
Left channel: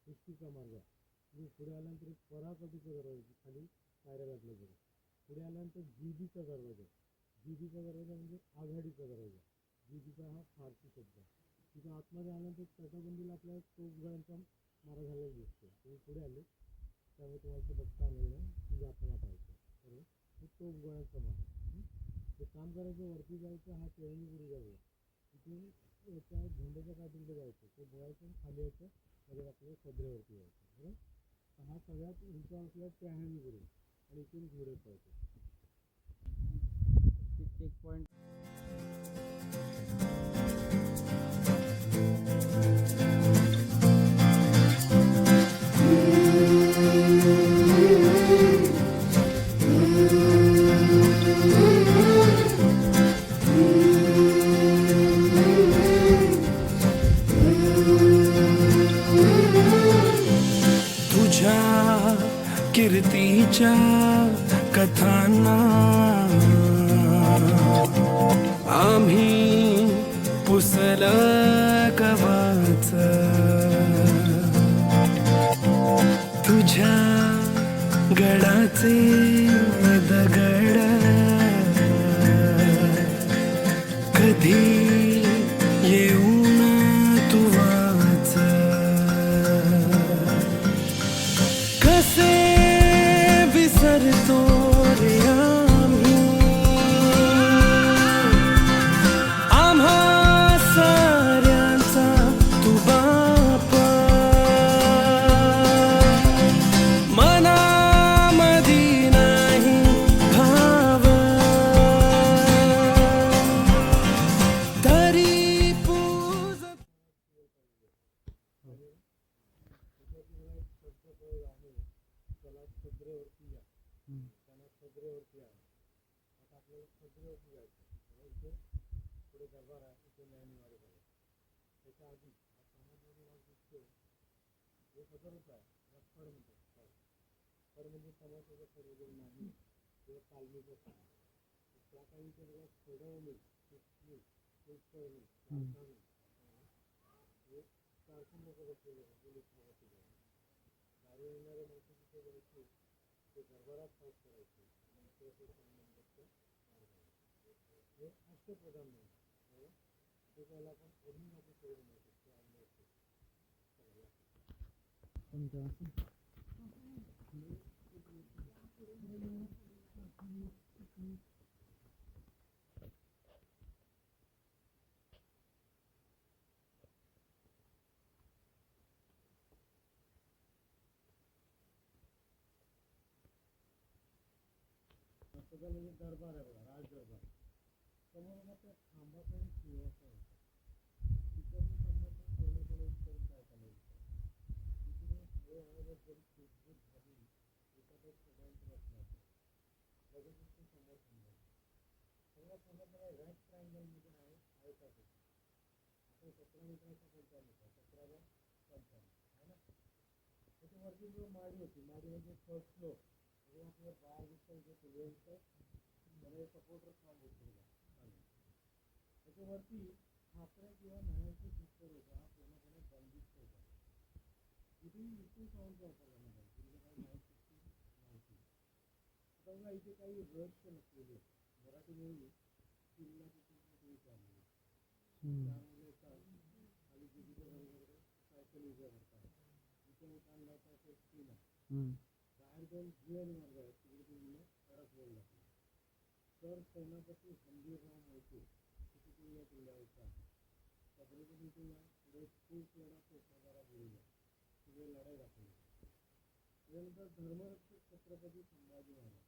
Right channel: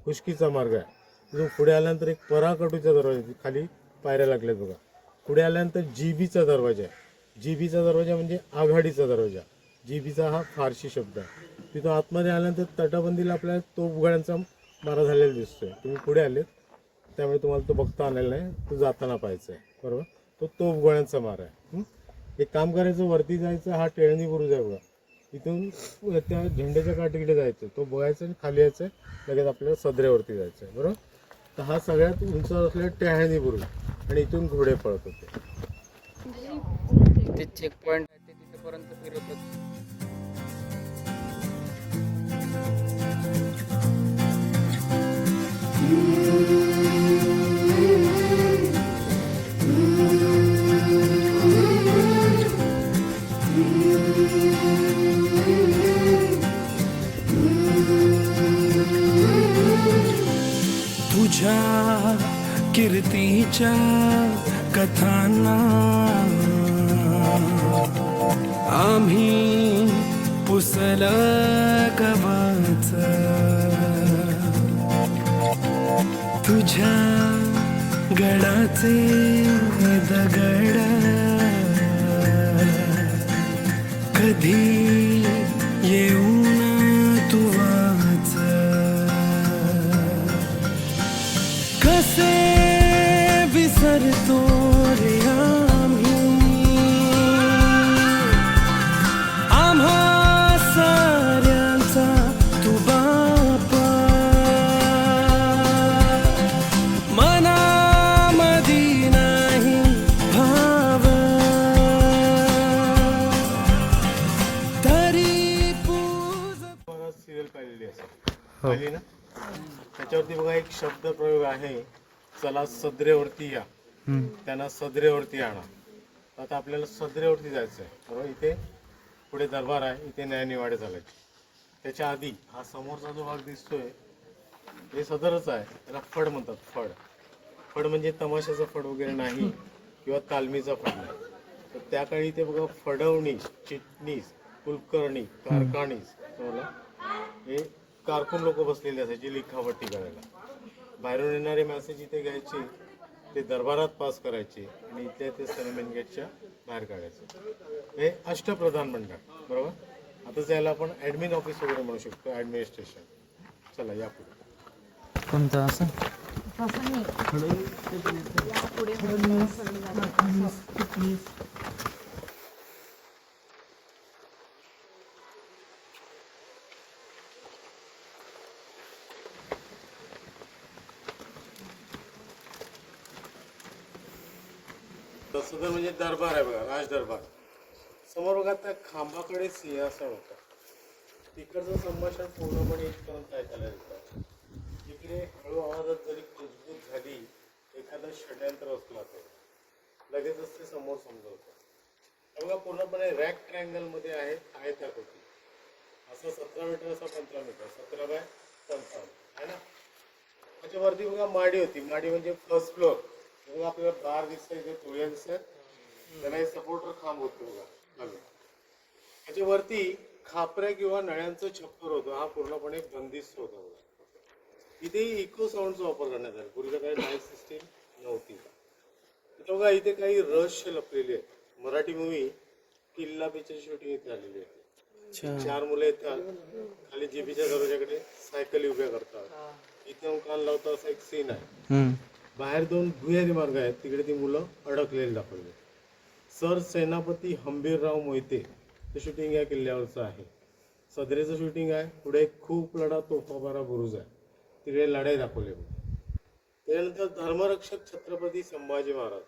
खुष्कीचा मार्ग आहे. जो पुढे आल्यानंतर एक पराकटूचा दरवाजा, खाली पायऱ्या लागल्यात बघा. पुढे आल्यानंतर जीबीचा दरवाजा आहे. जीबीचा दरवाजा म्हणजे आघाडीचा दरवाजा. जीबीचा हा फारसी शब्द आहे. तिथं आतमध्ये आल्यानंतर तटबंदीला आपल्याला तोफगोळ्यांचा मारा झालेला दिसतोय. तुम्ही पुढे आलेत त्यामुळे तुम्हाला तो बघता आलेला नाही, तो जाताना पाहायचा आहे. बरोबर. तो तोफगोळ्यांचा मारा आहे. एक काम करायचं, वरती जायचं, हा टेळणी बुरुज आहे बघा. इथून त्या झेंड्याच्या काठीकडे जायचं, तो बघायचं आणि खाली यायचं, लगेच आपल्याला सदरेवरती जायचं आहे. बरोबर. तर हा सगळ्यात उंचावर असलेला टॅहनी बुरुज, आणि इथून घोडे पळत होते. ते चेक पॉइंट आहे, ते तिथपर्यंत फिरत होते. तुझ्या कीर्तीच्या कथांना आम्ही पुसलं कवच, तुझ्या गडाचे दगड कधी येऊन तू वाच, कसे विसरतो रे आम्ही आम्हा साऱ्यांचा तू बापा, मनामधी नाही भाव तरी पूज. बघा सिरियल पाहिलेली असेल, पाहिली ना. त्याच्यावरती बघा एक शब्द प्रयोग आहे, चला सदरेवरती या, त्यांना सदरेवरती आणा. आता आपल्याला सदरेवरती जायचं आहे. बरोबर. इथे पुढे दरबार आहे, इथे न्यायनिवाडे चालायचे. त्याच्या आधी हा समोरचा जो भाग दिसतोय हे सदरच आहे. त्याला फड म्हणतात. फड म्हणजे तमाशाचा फड वगैरे नाही, किंवा तालमीचा फडणा. तर त्या काळी ते बघा फडवणीस, चिटणीस, कुलकर्णी, कारखानीस तुम्हाला हे कारकून लोक बसलेले असायचे लिखापट्टी करायला. बाहेरून येणारे मॅसेज इथे घ्यायचे, ते दरबारात पास करायचे आणि इथल्या ते सनमेन गेटच्या बाहेर काढायचे. हे अष्टप्रधान मंडळ बरोबर. आता त्याला आपण ॲडमिन ऑफिस वगैरे म्हणू शकतो, ॲडमिनिस्ट्रेशन. चला या पुढे. कोणतं असं तसं तर म्हणजे दरबार आहे बघा, राज दरबार. समोर बघा त्या खांबाकडे सिंहासन होतं. तिकडचं संभाषण पूर्णपणे इथपर्यंत ऐकायला येतं. इकडे हळू आवाजात जरी कुजबूज झाली, एखादं षड्यंत्र असलं तर लगेचच ते समोर समजवतं. बघा पूर्णपणे रॅक ट्रायंगलमध्ये आहे त्या होती. असं 17 मीटर, असा 15 मीटर, 17 बाय 55 आहे ना. त्याच्यावरती बघा माडी होती. माडी म्हणजे फर्स्ट फ्लोअर. बघा आपल्याला बार दिसतंय, इथे तुळ्या दिसतात, त्याला हे सपोर्टर खांब होतो बघा खाली. त्याच्यावरती खापऱ्या किंवा नळ्यांचं छप्पर होतं. हा पूर्णपणे बंदिस्त होता बघा. इथे इको साऊंडचा वापर करण्यात आला. पूर्वीच्या काही माईक सिस्टीम नव्हती. इथे बघा इथे काही रहस्य लपलेले आहेत. मराठी मूवी किल्ला पिक्चर शूटिंग इथे आलेली आहे. 4 मुलं येतात, खाली जीबीच्या दरवाजाकडे सायकली उभ्या करतात. इथे कान लावता असा एक सीन आहे. बाहेर 2 भुयारी मार्ग आहेत, तिकडे ती मुलं अडकलेली दाखवली. सर सेनापती हंबीरराव मोहिते ते शूटिंग या किल्ल्यावरचं आहे. सदरेचं शूटिंग आहे. पुढे खूप लढा तोफाबारा बुरुज आहे, तिकडे लढाई दाखवली. त्यानंतर धर्मरक्षक छत्रपती संभाजी महाराज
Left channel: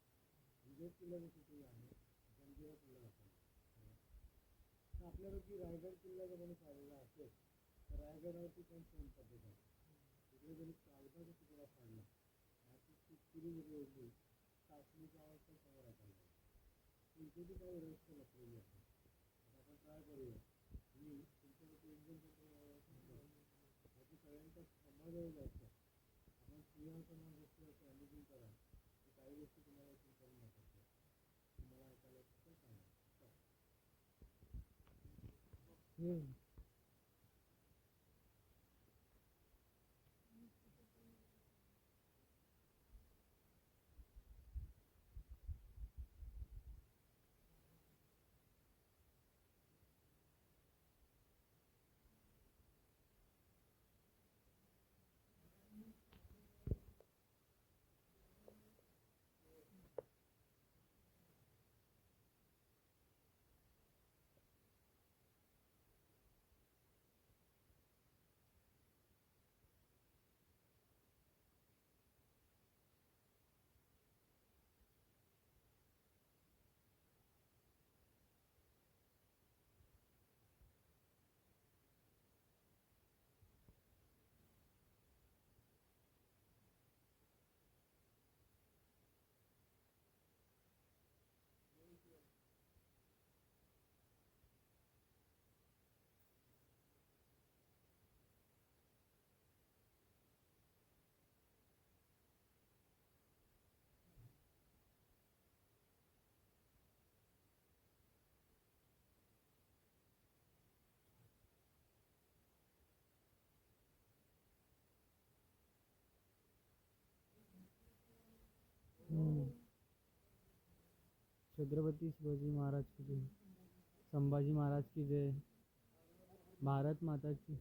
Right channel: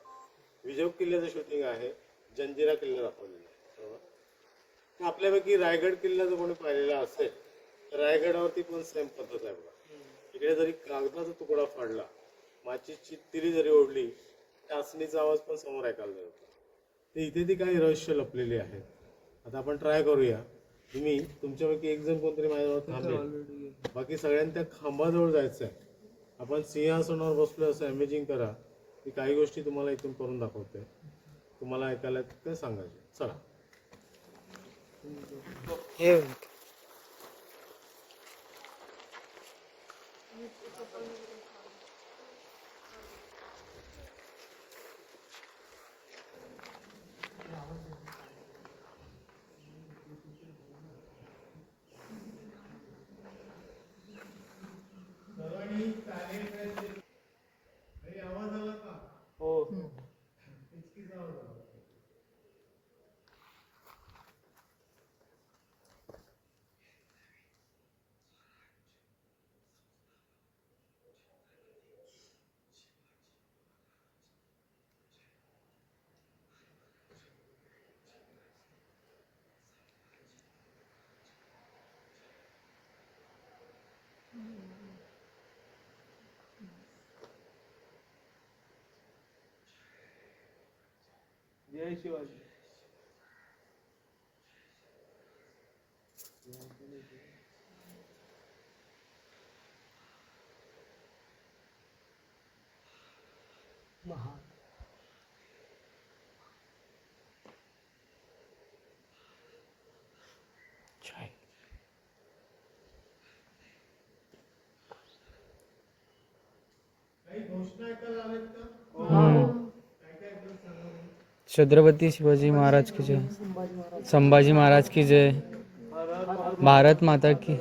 विजय किल्ल्याचं शूटिंग आहे. जंजिरा किल्ला दाखवलेला आहे बरोबर. आपल्यापैकी रायगड किल्ला जर कोणी पाहिलेला असेल तर रायगडावरती पण सेम पद्धत आहे बघा. इकडे जरी कागदाचा तुकडा फाडला, माचीची तिरी जरी ओढली, टाचणीचा आवाज पण समोर ऐकायला जातो. ते इथे ती काही रहस्य लपलेली आहेत. आता आपण ट्राय करूया. तुम्ही तुमच्यापैकी एक जण कोणतरी माझ्याजवळ थांबेल, बाकी सगळ्यांनी त्या खांबाजवळ जायचं आहे. आपण सिंहासनावर बसलो असं इमेजिंग करा. की काही गोष्टी तुम्हाला इथून करून दाखवते, तुम्हाला ऐकायला ते सांगायचे. चला हे जय शिवाजी. छत्रपती शिवाजी महाराज की जय, संभाजी महाराज की जय, भारत माता की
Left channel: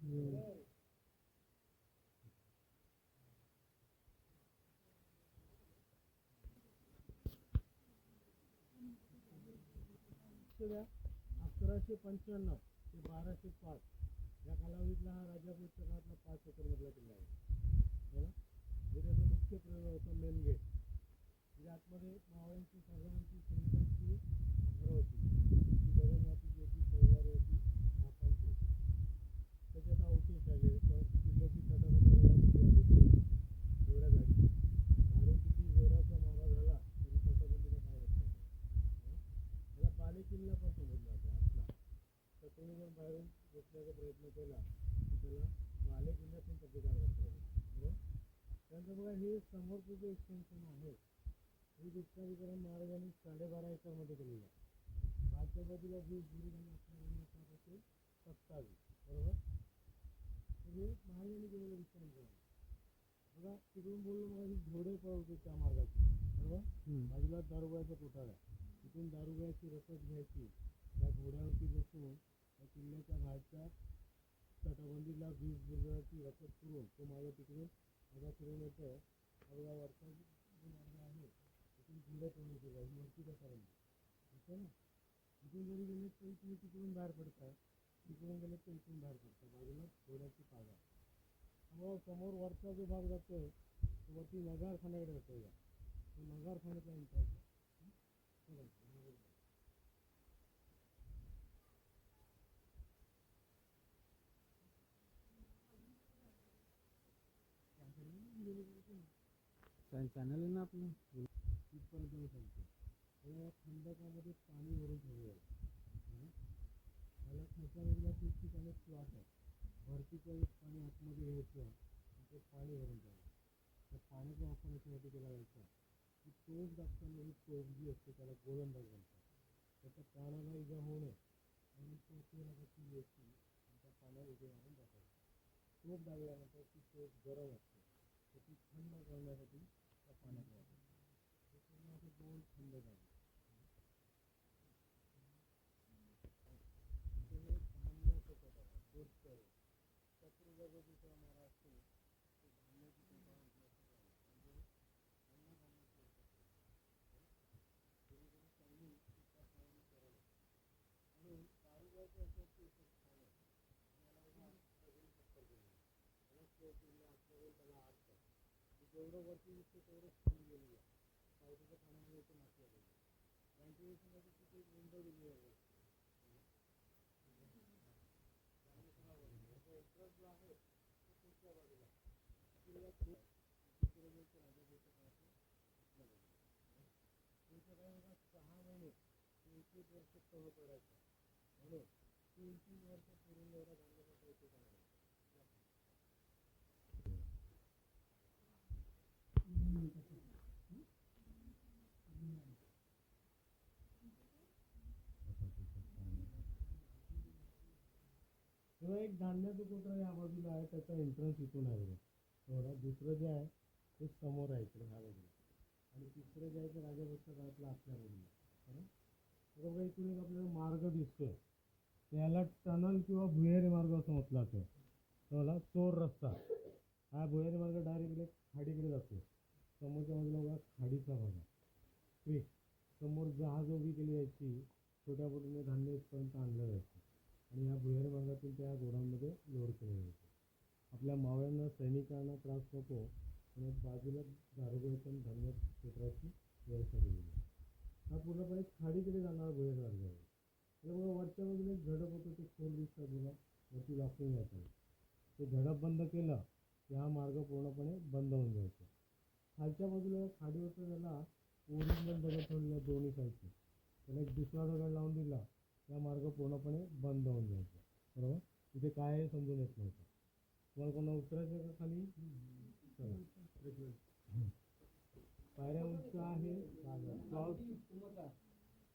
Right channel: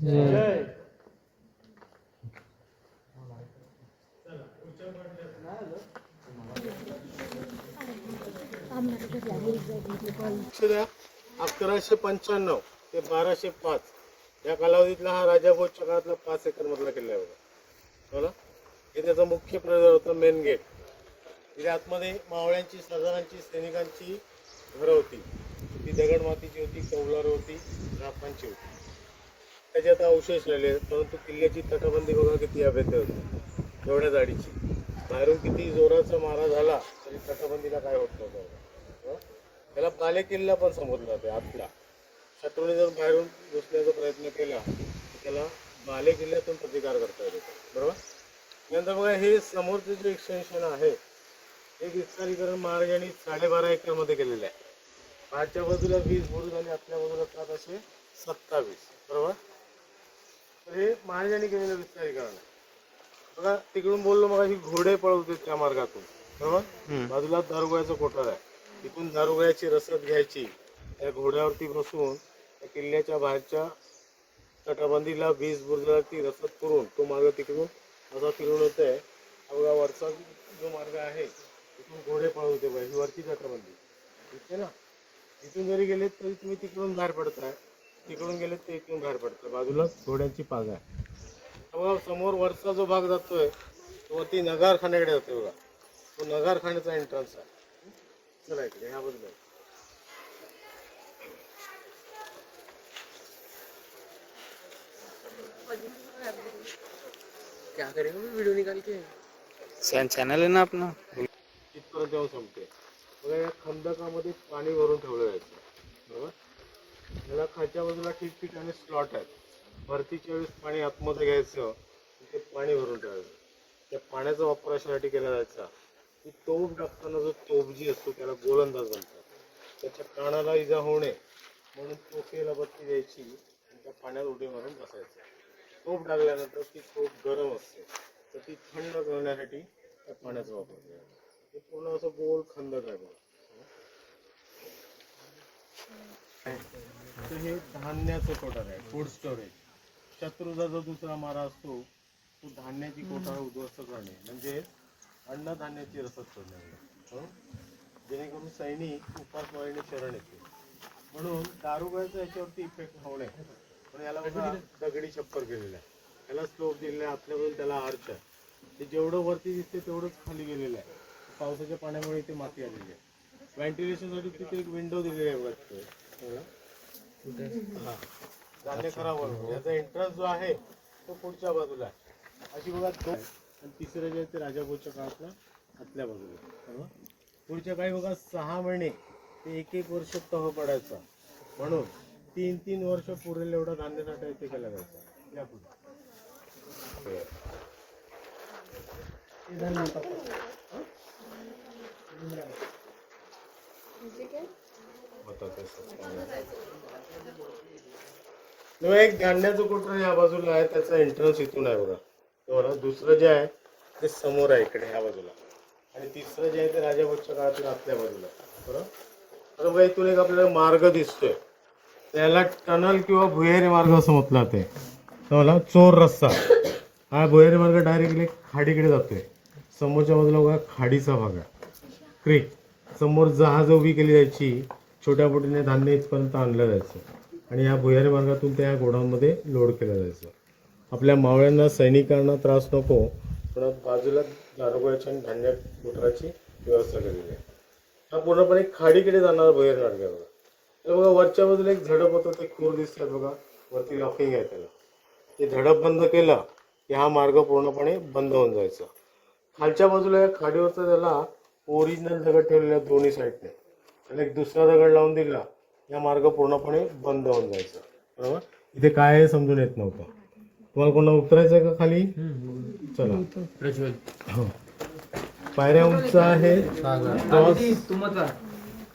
जय. जय. लक्ष द्या. 1195 ते 1205 या कालावधीतला हा राजाभोजच्या काळातला 5 एकर मधला किल्ला आहे बघा. हे त्याचा मुख्य प्रवेश होता, मेन गेट. तिथे आतमध्ये मावळ्यांची, सरदारांची, सैनिकांची घरं होती. ती दगडमातीची होती, कौलार होती, रापांची होती. त्याचे आता अवशेष राहिले, परंतु किल्ल्याची तटबंदी बघा किती अभेद्य होती, एवढ्या जाडीची. बाहेरून किती जोराचा मारा झाला तरी तटबंदीला काय होत नव्हतं. त्याला बाले किल्ला पण समजला जाते आतला. शत्रूने जर बाहेरून घुसण्याचा प्रयत्न केला तर त्याला बाले किल्ल्यातून प्रतिकार करता येतो. बरोबर. नंतर बघा हे समोरचे जे एक्सटेन्शन आहे हे विस्तारीकरण महाराजांनी 12.5 एकरमध्ये केलेलं आहे. बाहेरच्या बाजूला 20 बुरुज आणि आतल्या बाजूला 7 असे 27. बरोबर. तर हे महाराजांनी केलेलं विस्तारीकरण आहे. बघा तिकडून बोललो मग ही घोडे पळवते त्या मार्गातून. बरोबर. बाजूला दारुगोळ्याचं कोठार आहे. तिथून दारुगोळ्याची रसद घ्यायची, त्या घोड्यावरती बसून त्या किल्ल्याच्या बाहेरच्या तटबंदीला 20 बुरुजावरती रसद करून तो मार्ग तिकडून असा फिरून होत आहे. बघा वरचा जो मार्ग आहे तिथून घोडे पळवते बघा, ही वरची तटबंदी ठीक आहे ना. इथून जरी गेलेत तरी तुम्ही तिकडून बाहेर पडताय, तिकडून गेलेत तर इकडून बाहेर पडताय. बाजूला घोड्यांची पाग आहे. बघा समोर वरचा जो भाग जातोय तो वरती नगारखान्याकडे जातोय बघा, तो नगारखान्याचा एंट्रन्स आहे. चला इकडे ह्या बाजूला क्या करेंगे वीडियो निकाल के? चॅनल आहे ना आपलं. इथपर्यंत जाऊन संपते. बघा या खंदकामध्ये पाणी भरून ठेवलं जायचं. बरोबर. याला खालच्या बाजूला ठिकठिकाणी स्लॉट आहेत. भरतीच्या वेळेस पाणी आतमध्ये घ्यायचं, ते पाणी भरून ठेवायचं. त्या पाण्याचा वापर अशासाठी केला जायचा की तोफ टाकताना जो तोफ जी असतो त्याला गोलंदाज म्हणतात. त्याच्या कानाला इजा होऊ नये म्हणून तोफेला बत्ती द्यायची आणि त्या पाण्यात उडी मारून बसायचं. तोफ टाकल्यानंतर ती तोफ गरम असते तर ती थंड करण्यासाठी त्या पाण्याचा वापर केला जातो. हे पूर्ण असं गोल खंदक आहे बघा. तर हे धान्याचं कोठार आहे, फूड स्टोरेज. शत्रूचा जो दुसरा मारा असतो तो धान्याची कोठार उद्ध्वस्त करणे म्हणजे अन्नधान्याची रसद करणे, जेणेकरून सैनिक उपासमारीने शरण येते. म्हणून दारुगोळ्याचा याच्यावरती इफेक्ट होऊ नये म्हणून याला बघा दगडी छप्पर केलेलं आहे. त्याला स्लोप दिलेला आहे, आपल्याकडून त्याला आर्च आहे. ते जेवढं वरती दिसते तेवढंच खाली गेलेलं आहे. पावसाच्या पाण्यामुळे इथे माती आलेली आहे. व्हेंटिलेशनसाठी तिथे एक विंडो दिलेली आहे बघा. हा धान्य खराब होतो. याचा एंट्रन्स जो आहे तो पुढच्या बाजूला आहे. अशी बघा दोन. आणि तिसरं जे आहे ते राजाभाऊच्या काळातल्या आतल्या बाजूला. पुढच्या काही बघा 6 महिने ते 1-1 वर्ष तह पडायचा म्हणून 3-3 वर्ष पुरेल एवढा धान्य साठा इथे केला जायचा. या पुढे एक धान्याचं कोठार या बाजूला आहे, त्याचा एंट्रन्स इथून आहे बघा. बरोबर. दुसरं जे आहे ते समोर आहे इकडे ह्या बाजूला, आणि तिसरं जे आहे ते राजाभाऊच्या काळातल्या आतल्या बाजूला. बरोबर. आता बघा इथून एक आपल्याला मार्ग दिसतोय, त्याला टनल किंवा भुयारी मार्ग असं म्हटलं जाते. तर चोर रस्ता. हा भुयारी मार्ग डायरेक्टली खाडीकडे जातोय. समोरच्या बाजूला बघा खाडीचा भाग आहे, क्रीक. समोर जहाज उभी केली जायची, छोट्या बोटीने धान्य इथपर्यंत आणलं जायचं आणि या भुयारी मार्गातून त्या गोडाऊनमध्ये लोड केलं जायचं. आपल्या मावळ्यांना, सैनिकांना त्रास नको म्हणून बाजूला दारुगोळ्याच्या आणि धान्य कोठाराची व्यवस्था केलेली आहे. हा पूर्णपणे खाडीकडे जाणारा भुयारी मार्ग आहे बघा. तर बघा वरच्या बाजूला एक झडप होतं, ते खूर दिसतात बघा, वरती लॉकिंग आहे त्याला. ते झडप बंद केलं की हा मार्ग पूर्णपणे बंद होऊन जायचा. खालच्या बाजूला या खाडीवरचा त्याला ओरिजिनल दगड ठेवलेला दोन्ही साईडने, आणि एक दुसरा दगड लावून दिला, या मार्ग पूर्णपणे बंद होऊन जायचा. बरोबर. इथे काय आहे समजून येत नव्हतं. तुम्हाला कोणाला उतरायचं आहे का खाली? चला. हो. पायऱ्या उंच आहे,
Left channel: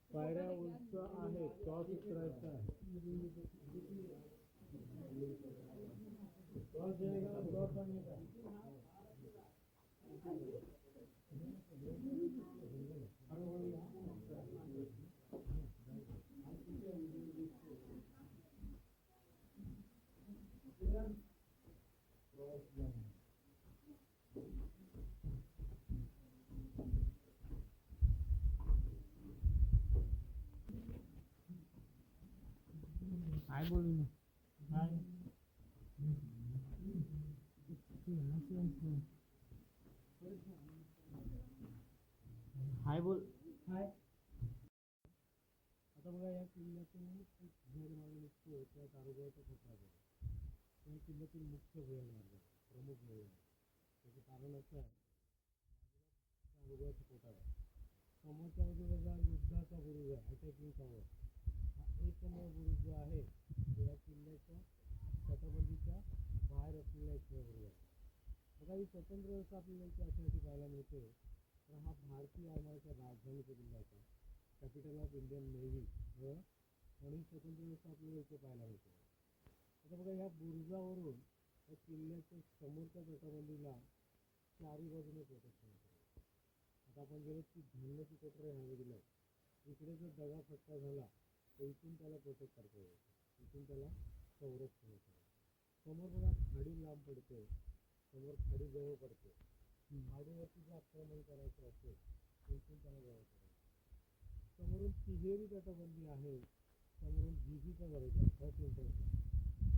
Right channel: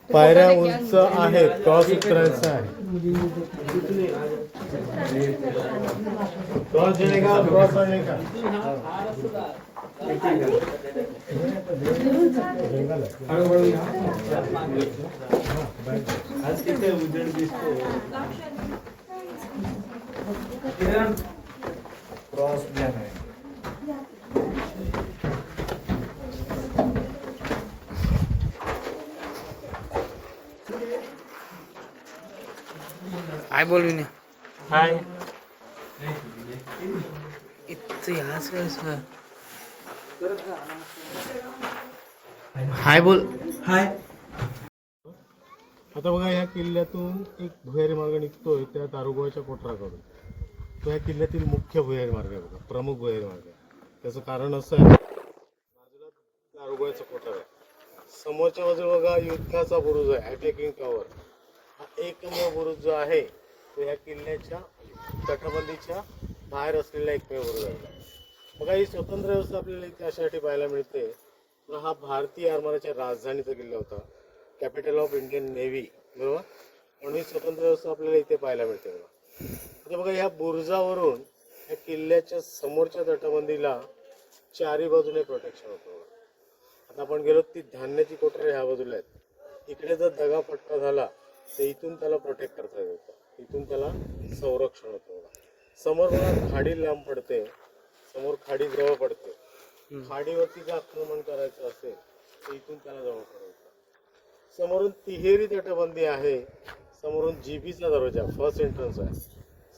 पायऱ्या उंच आहेत, क्रॉस उतरायचा आहे. क्रॉस देणे का, क्रॉस आणणे का? क्रॉस प्लॅन आहे. काय बोलू ना हाय. इथं याच काय सर हाय बोल. हाय. आता बघा या किल्ल्यातून एक भुयारी मार्ग निघतोय त्या दारुगोळ्याच्या कोटराकडून. तो या किल्ल्यातील मुख्य भुयारी मार्ग आहे बघा, प्रमुख भुयारी मार्ग आहे. त्याचं कारण असं आहे, बाजूला दारुगोळ्याचा कोठार आहे, समोरच्या बाजूला बघा युद्धाचा बुरुज आहे, अटॅकिंग टॉवर. हा एकमेव बुरुज जो आहे तो या किल्ल्याच्या तटबंदीच्या बाहेर असलेला एकमेव बुरुज आहे. बघा ही स्वतंत्र व्यवस्था आपल्याला इथे अशासाठी पाहायला मिळते. तर हा भारतीय आरमाराच्या राजधानीचा किल्ला होता, कॅपिटल ऑफ इंडियन नेव्ही, बरोबर. म्हणून ही स्वतंत्र व्यवस्था आपल्याला इथे पाहायला मिळते बघा. आता बघा ह्या बुरुजावरून या किल्ल्याच्या समोरच्या तटबंदीला चारी बाजूने प्रोटेक्शन होतं बघा. आता आपण गेलो ती धान्याची कोठरे ह्या बाजूला आहेत. इकडे जर दगा फटका झाला तर इथून त्याला प्रोटेक्ट करता येत होतं, इथून त्याला संरक्षण होतं बघा. समोर बघा खाडी लांब पडते, समोर खाडी जवळ पडते. खाडीवरती जर आक्रमण करायचं असेल तर इथून त्याला जवळ पडायचं. समोरून तिहेरी तटबंदी आहे, समोरून जीबीचा दरवाजा फर्स्ट एंट्रन्स आहे,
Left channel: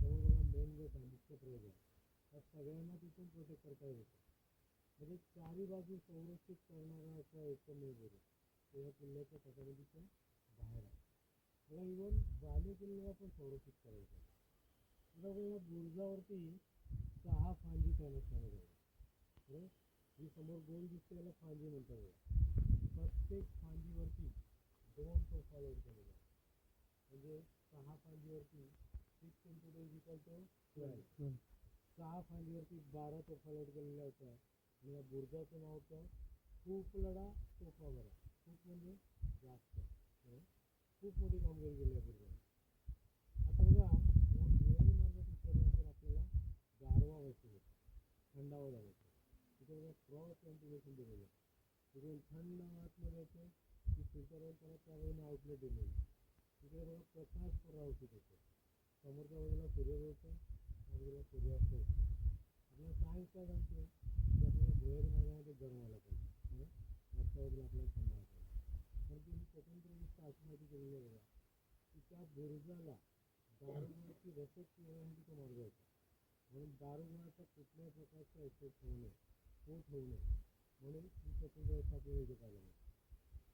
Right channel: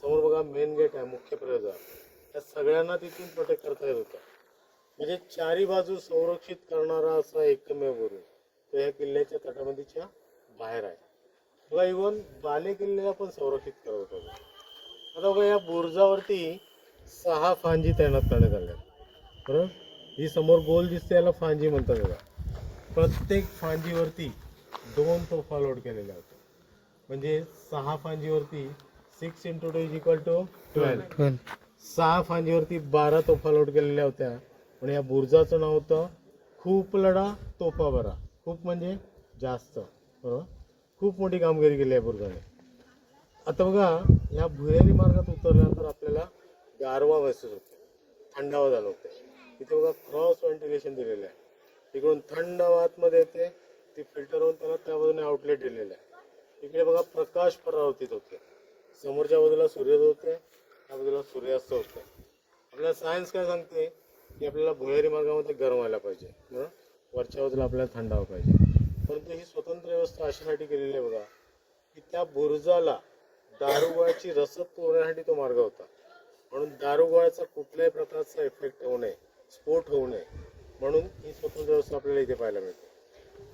समोर बघा मेन गेट आहे, मुख्य प्रवेशद्वार. या सगळ्यांना तिथून प्रोटेक्ट करता येत होतं. म्हणजे चारी बाजू संरक्षित करणारा असा एकमेव बुरुज तो या किल्ल्याच्या तटबंदीच्या बाहेर आहे बघा. इव्हन बाले किल्ल्याला पण संरक्षित करत होतं. आता बघा या बुरुजावरती 6 फांजी तैनात करण्यात आल्या, बरोबर. ही समोर गोल दिसते याला फांजी म्हणतात बघा. प्रत्येक फांजीवरती 2 तोफा लोड केलेल्या होत्या. म्हणजे 6 फांजीवरती 6 × 2 = 12. 6 फांजीवरती 12 तोफा लोड केलेल्या होत्या. पण या बुरुजाचं नाव होतं खूप लढा तोफा बरा. खूप म्हणजे जास्त, बरोबर. खूप मोठी कामगिरी केली आहे बुरुजाने. आता बघा या भुयारी मार्गात उतरल्यानंतर आपल्याला गारवा महसूस होतो, थंडावा जाणवते. इथे बघा क्रॉस व्हेंटिलेशन दिलेलं आहे, इकडून थंड हवा आतमध्ये येते, ती फिल्टर होऊन त्याला त्या बाजूने आउटलेट दिलेलं आहे. इकडे बघा प्रकाश परावर्तित होते, समोरच्या बाजूला सूर्योदय होते, त्या बाजूला सूर्यास्त होते. आपल्याला सायन्स काय सांगते की आपल्याला भुयारी मार्गामध्ये गरम व्हायला पाहिजे, बरोबर. वरच्या बाजूला आपल्याला थंड हवा पाहिजे. परंतु ही स्वतंत्र व्यवस्था अशासाठी केलेली आहे बघा की त्या बुरुजाला दारुगोळ्याची रसद पुरवण्यासाठी तो मार्ग होता. म्हणून दारुगोळ्याचा कुठल्याही प्रकारचा इफेक्ट होऊ नये, स्फोट होऊ नये, म्हणून ही स्वतंत्र व्यवस्था आपल्याला इथे पाहायला मिळते.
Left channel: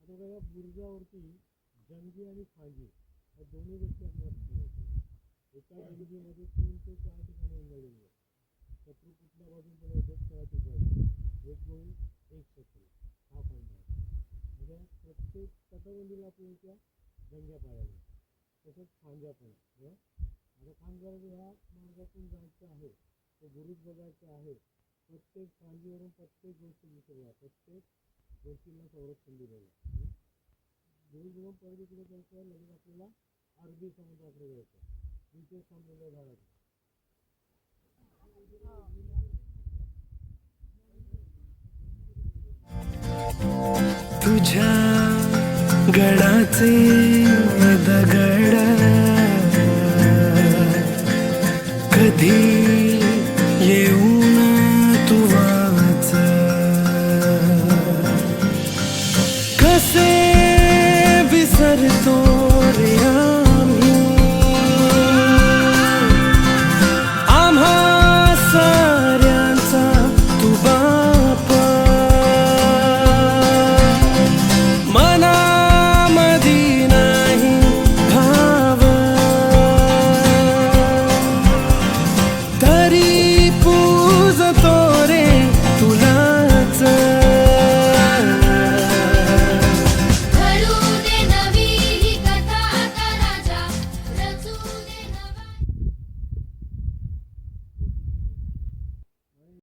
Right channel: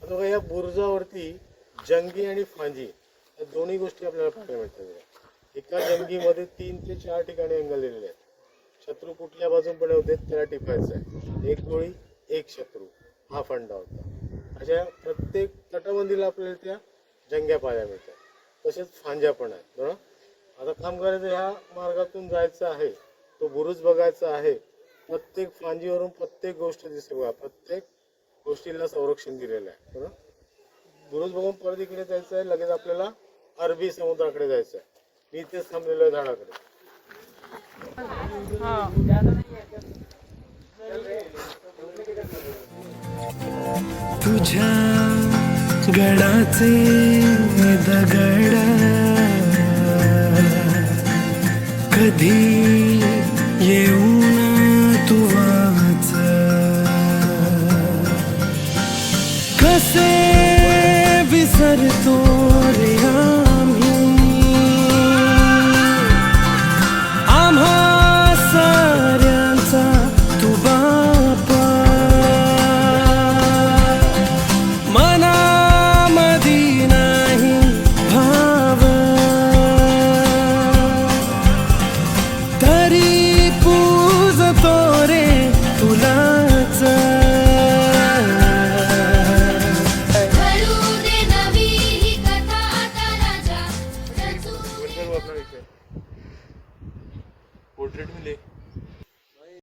आता बघा या बुरुजावरती जंगी आणि फांजी या दोन्ही गोष्टी आपल्याला पाहायला मिळतात. एका जंगीमध्ये 3 ते 4 ठिकाणी अँगल दिलेले आहेत. शत्रू कुठल्या बाजून पण होते त्याला टिपायचं आहे. 1 गोळी 1 शत्रू हा फंडा होता. अशा प्रत्येक तटबंदीला आपल्याला त्या जंग्या पाहायला मिळतात, तसेच फांज्या पण आहेत, बरोबर. आता काम करायचं ह्या मार्गातून जायचं आहे, तो बुरुज बघायचा आहे. प्रत्येक फांजीवरून प्रत्येक गोष्ट दिसते बघा, प्रत्येक गोष्टीला संरक्षण दिलेलं आहे, बरोबर. बुरुज बघून परत इकडे जायचं आहे, लगेच आपल्याला अरबी समुद्राकडे जायचं आहे. मी इथेच थांबलेलो आहे झाडाकडे. तुझ्या गडाचे दगड कधी येऊन तू वाच, कसे विसरतो रे आम्ही आम्हा साऱ्यांचा तू बापा. मनामधी नाही भाव तरी पूजतो रे तुलाच. घडू दे नवी ही कथा आता राजा रचू दे. पोर्ट्रेट मिले